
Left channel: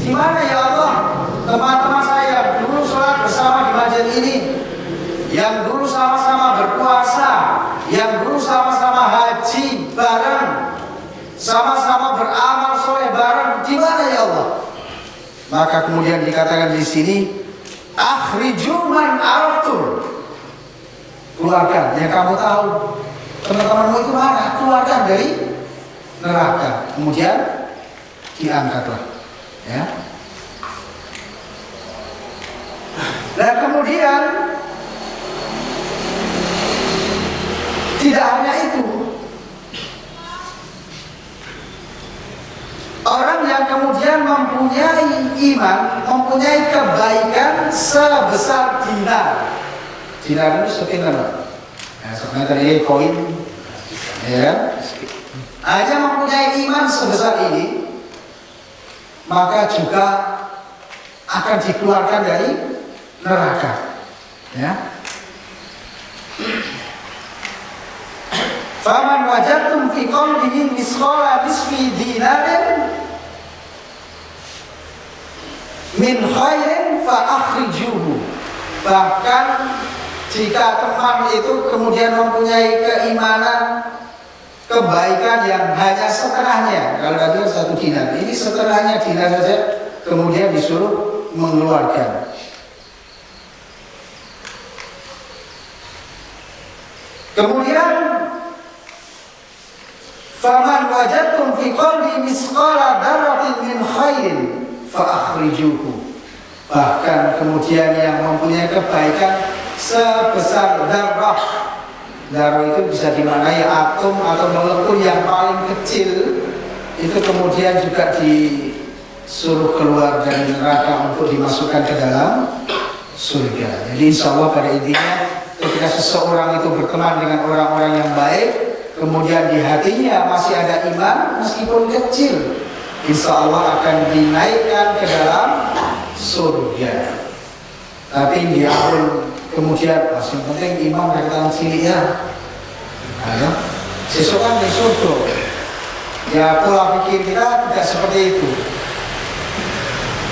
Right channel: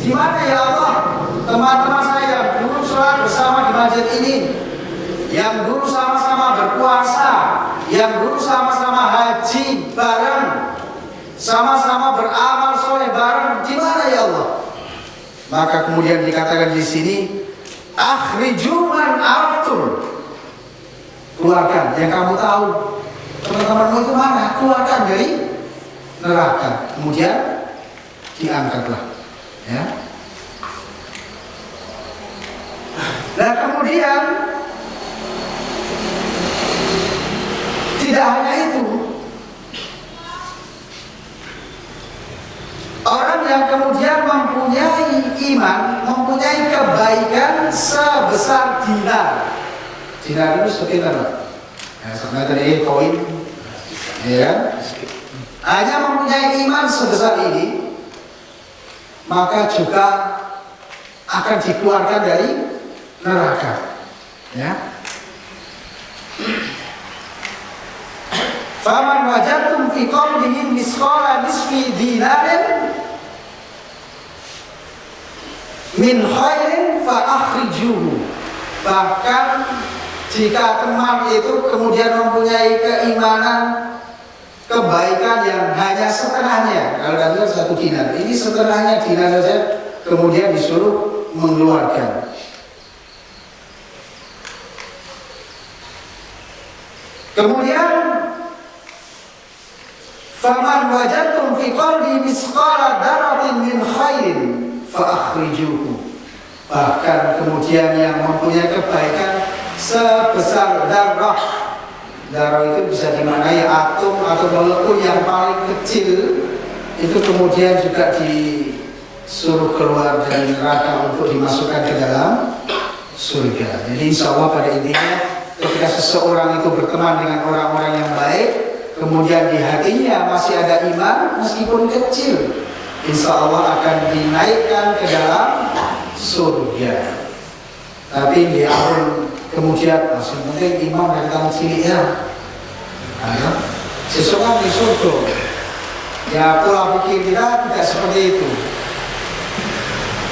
Di mana ya Allah teman-teman saya yang dulu sholat bersama di masjid ini, yang dulu sama-sama berpuasa, yang dulu sama-sama haji bareng, sama-sama beramal soleh bareng, di mana ya Allah? Maka kemudian dikatakan di sini, akhriju man araftum. Keluarkan yang kamu tahu, teman-temanmu itu mana? Keluarkan dari neraka. Kemudian diangkatlah, ya. Nah, kemudian tidak hanya itu, orang yang kemudian mempunyai iman, mempunyai kebaikan sebesar dinar. Dinar itu sepinten, Pak? Sama ini koin, ya kan? Hanya mempunyai iman sebesar ini, maka juga akan dikeluarkan dari neraka, ya. Faman wajadtum fi qalbihi misqala nisfi dinarin min khairin fa akhrijuhu. Bahkan jika teman itu kemudian mempunyai keimanan, kebaikan yang hanya setengahnya, kalau tadi kan 1 dinar, ini setengahnya dinar saja, kemudian disuruh mengeluarkan. Kemudian faman wajadtum fi qalbi misqala dzarratin min khairin fa akhrijuhu. Bahkan kemudian yang mempunyai kebaikan sebesar dzarrah. Dzarrah itu bisa dimaknai atom atau molekul yang paling kecil, itu kemudian juga disuruh keluar dari neraka untuk dimasukkan ke dalam surga. Jadi insya Allah pada intinya ketika seseorang itu berteman dengan orang-orang yang baik, kemudian di hatinya masih ada iman meskipun kecil, insya Allah akan dinaikkan ke dalam surga. Tapi nggih ampun kemudian wah yang penting iman ra kita cilik ya. Ada sesuk kan ring surga. Ya pola pikir kita tidak seperti itu.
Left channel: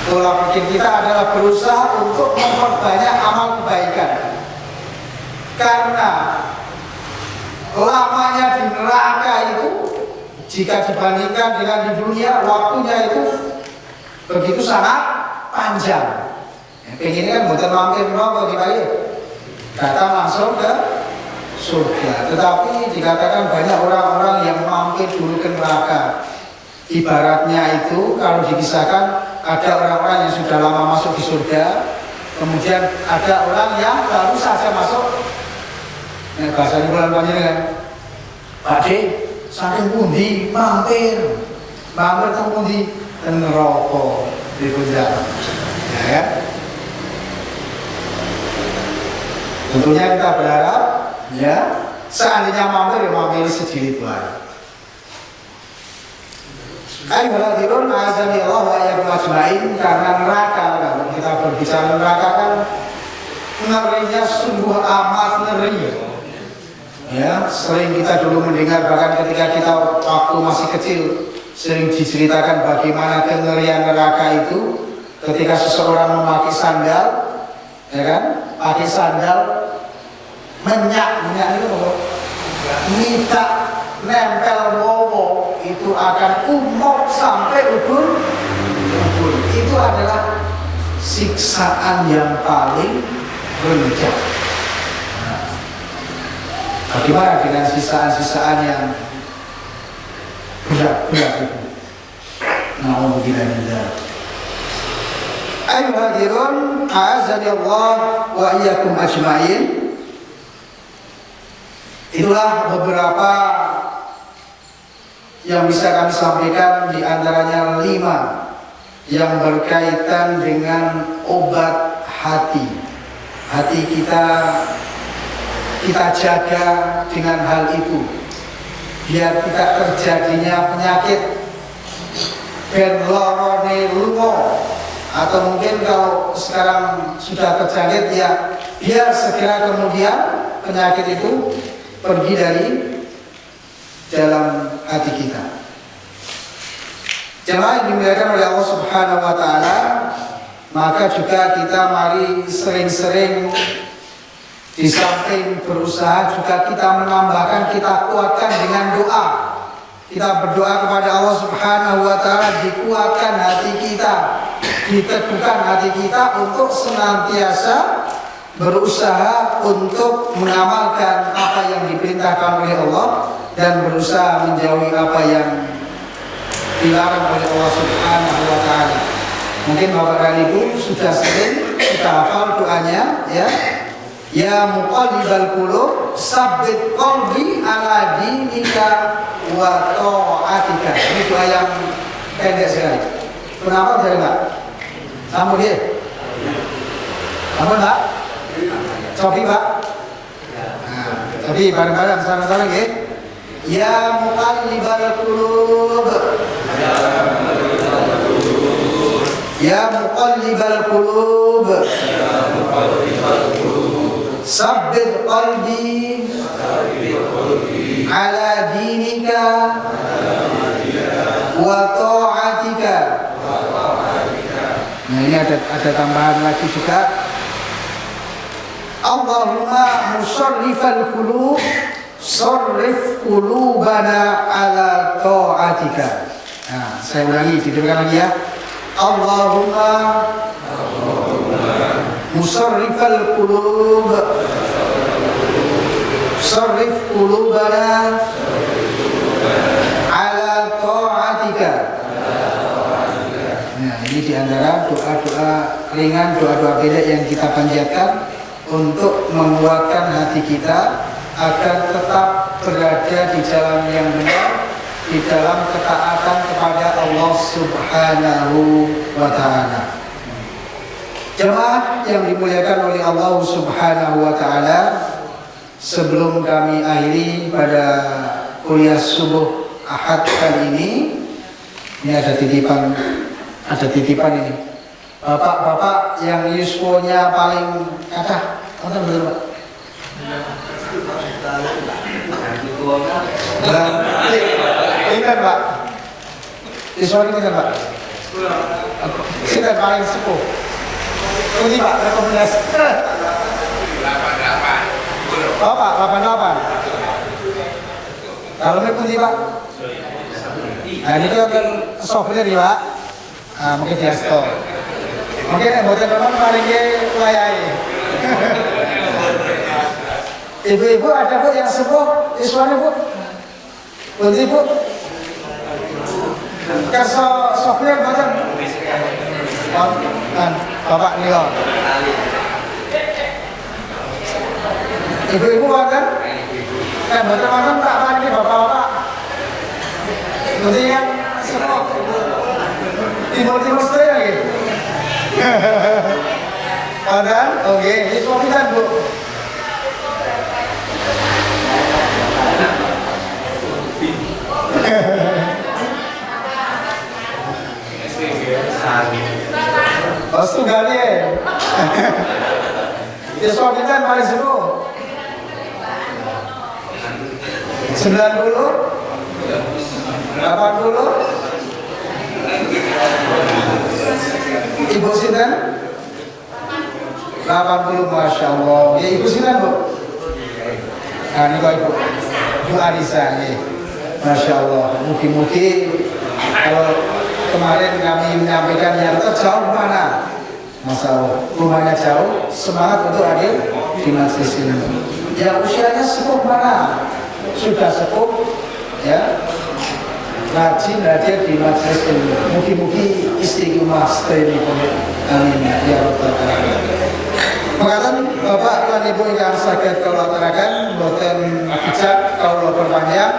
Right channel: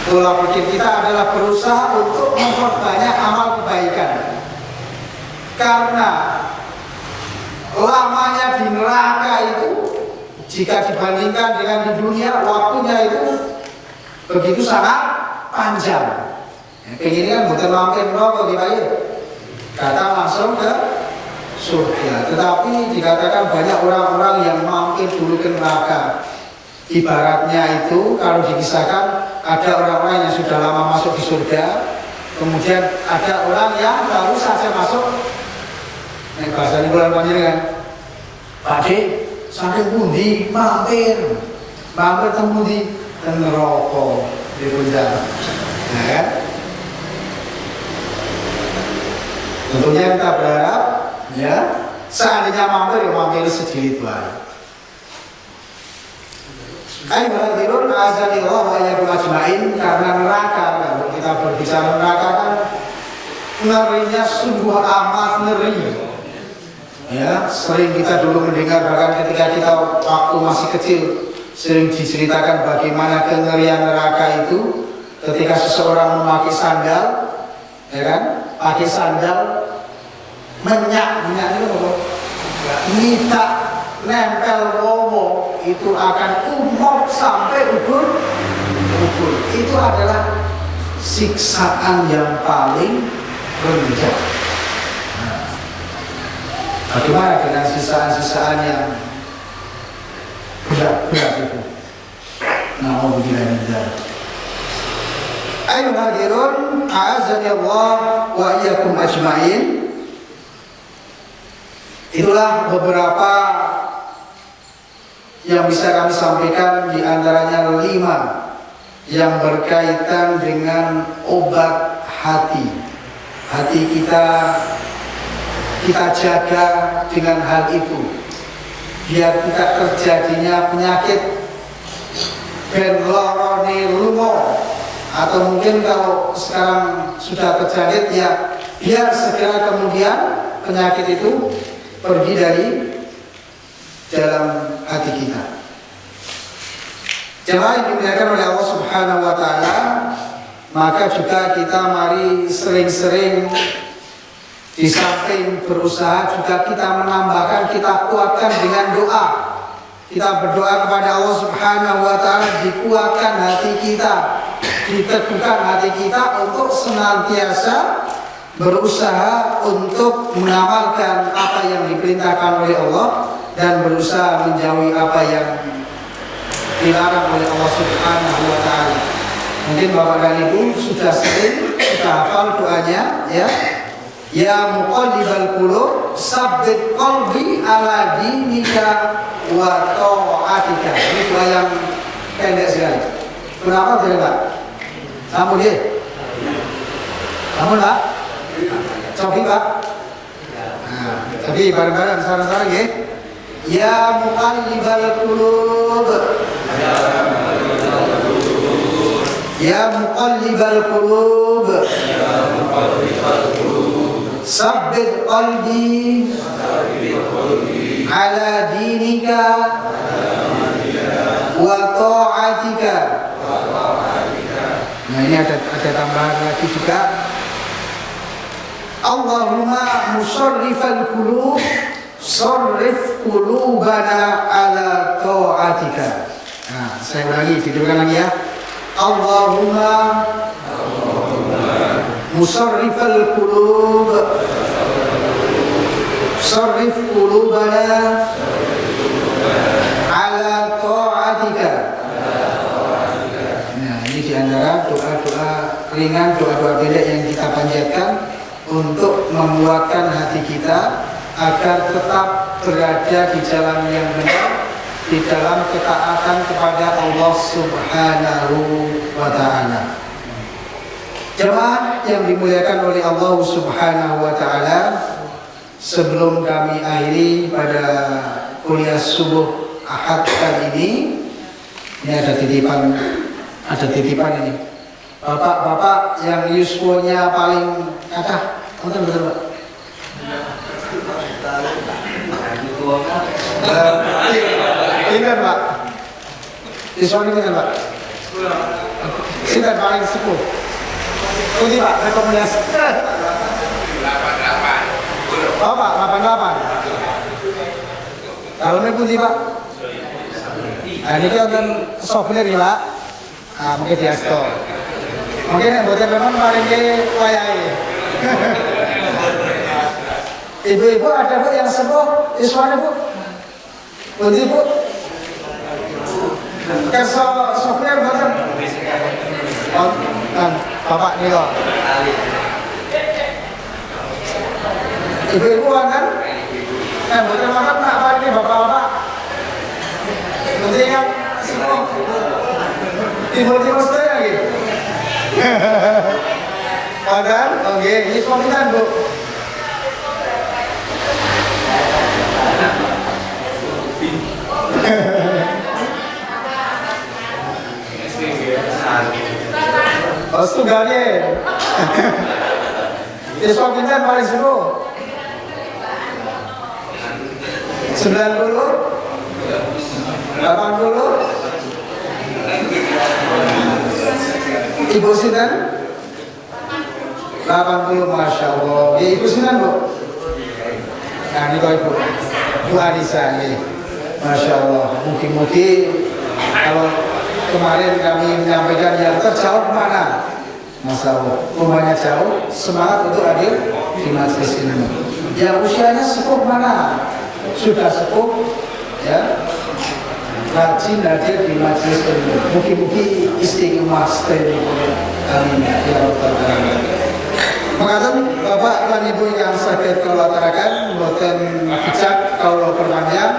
Pola pikir kita adalah berusaha untuk memperbanyak amal kebaikan. Karena lamanya di neraka itu jika dibandingkan dengan di dunia, waktunya itu begitu sangat panjang. Ya, pengennya kan boten mampir neraka nggih Pak nggih. Datang langsung ke surga. Tetapi dikatakan banyak orang-orang yang mampir dulu ke neraka. Ibaratnya itu kalau dikisahkan ada orang-orang yang sudah lama masuk di surga, kemudian ada orang yang baru saja masuk. Nek bahasane kula panjenengan, Pak De, saking pundi mampir teng pundi? Teng neraka pripun jalan. Nah kan? Tentunya kita berharap ya seandainya mampir ya mampiri sedilit wae. Ayyuhal hadirun, azanillah wa iyyakum ajmain. Karena neraka, kalau kita berbicara neraka kan ngerinya sungguh amat ngeri. Ya, sering kita dulu mendengar, bahkan ketika kita waktu masih kecil sering diceritakan bagaimana kengerian neraka itu ketika seseorang memakai sandal, ya kan? Pakai sandal menyak ini apa? Midak nempel wowo itu akan umop sampai ubun. Itu adalah siksaan yang paling rendah. Nah, bagaimana dengan sisaan-sisaan yang berat-berat itu? Na'udzubillahi min dzalik. Ayyuhal hadirun, a'azani Allah wa iyyakum ajmain. Itulah beberapa yang bisa kami sampaikan, di antaranya 5 yang berkaitan dengan obat hati. Hati kita jaga dengan hal itu, biar tidak terjadinya penyakit ben lorone lungo, atau mungkin kalau sekarang sudah terjangkit ya biar segera kemudian penyakit itu pergi dari dalam hati kita. Jamaah yang dimuliakan oleh Allah Subhanahu wa taala, maka juga kita mari sering-sering di samping berusaha juga kita menambahkan, kita kuatkan dengan doa. Kita berdoa kepada Allah Subhanahu wa taala, dikuatkan hati kita, diteguhkan hati kita untuk senantiasa berusaha untuk mengamalkan apa yang diperintahkan oleh Allah dan berusaha menjauhi apa yang dilarang oleh Allah Subhanahu wa taala. Mungkin Bapak dan Ibu sudah hafal doanya, ya. Ya muqallibal qulub, sabbit qalbi ala dinika wa ta'atika. Ini doa yang pendek sekali. Pun hafal dereng, Pak? Sampun nggih? Sampun, Pak? Cobi, Pak. Nah, cobi bareng-bareng sareng-sareng nggih. Ya muqallibal qulub, ya muqallibal qulub, sabbit qalbi ala dinika wa ta'atika. Nah, ini ada tambahan lagi juga. Allahumma musarrifal qulub, sarrif qulubana ala ta'atika. Nah, saya ulangi, ditirukan lagi ya. Allahumma musarrifal qulub, sarrif qulubana ala ta'atika. Nah, ini diantara doa-doa ringan, doa-doa pendek yang kita panjatkan untuk menguatkan hati kita agar tetap berada di jalan yang benar, di dalam ketaatan kepada Allah Subhanahu wa taala. Jamaah yang dimuliakan oleh Allah Subhanahu wa taala, sebelum kami akhiri pada kuliah subuh Ahad kali ini ada titipan ini. Bapak-bapak yang yuswonya paling kathah, wonten betul, Pak? Pinten, Pak? Yuswane pinten, Pak? Sinten paling sepuh? Pundi, Pak, rekomendasi? Bapak 88. Daleme pundi, Pak? Nah, niki wonten souvenir nggih, Pak. Ah, mengke diasto. Mungkin nek mboten remen paringke wayahe. Ibu-ibu ada, Bu, yang sepuh yuswane, Bu? Pundi, Bu? Kersa souvenir mboten? Oh, kan Bapak nika. Ibu-ibu wonten? Nek mboten wonten tak paringi bapak-bapak. Pundi ingkang sepuh? Timur-timur sedaya nggih. Wonten? Oh nggih, yuswa pinten, Bu? Oh, setunggal yen. Yuswa pinten paling sepuh? 90? 80? Ibu sinten? 80, Masya Allah. Nggih, ibu sinten, Bu? Ah, niko Ibu Anissa, nggih. Masya Allah. Mugi-mugi kalau kemarin kami menyampaikan yang terjauh mana, Masya Allah, rumahnya jauh, semangat untuk hadir di majelis ilmu. Yang usianya sepuh mana, sudah sepuh, ya, rajin hadir di majelis ilmu. Mugi-mugi istiqomah sedayanipun. Amin ya rabbal alamin. Makaten Bapak lan Ibu ingkang saged kawula aturaken, boten bijak kawula perpanjang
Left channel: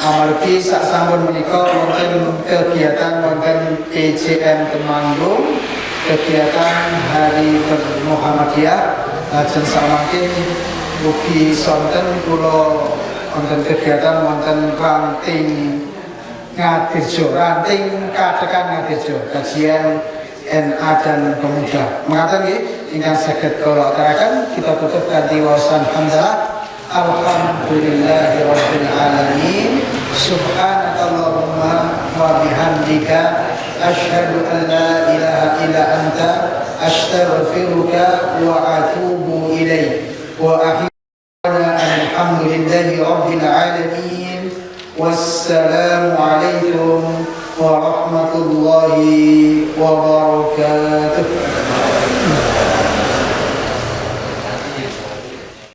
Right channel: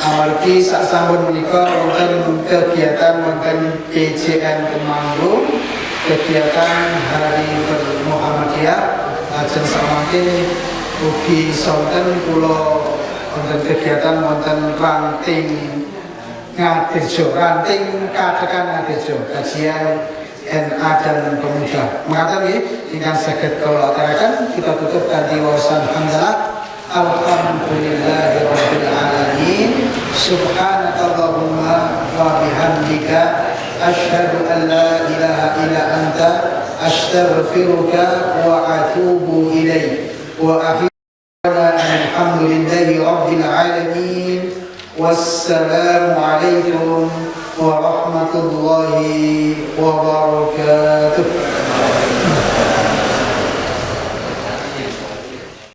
amargi sak sampun menika wonten kegiatan wonten PJM Temanggung, kegiatan Hari Bermuhammadiyah, lajeng samangke ugi sonten kula wonten kegiatan wonten ranting Ngadirjo, ranting katekan Ngadirjo, kajian NA dan pemuda. Mengatakan nggih ingkang saged kawula aturaken, kita tutup kanthi waosan hamdalah. Alhamdulillahi rabbil alamin. Subhanakallahumma wa bihamdika asyhadu an la ilaha illa anta astaghfiruka wa atubu ilaik. Wa ahyana alhamdulillahi rabbil alamin. Wassalamu alaikum warahmatullahi wabarakatuh.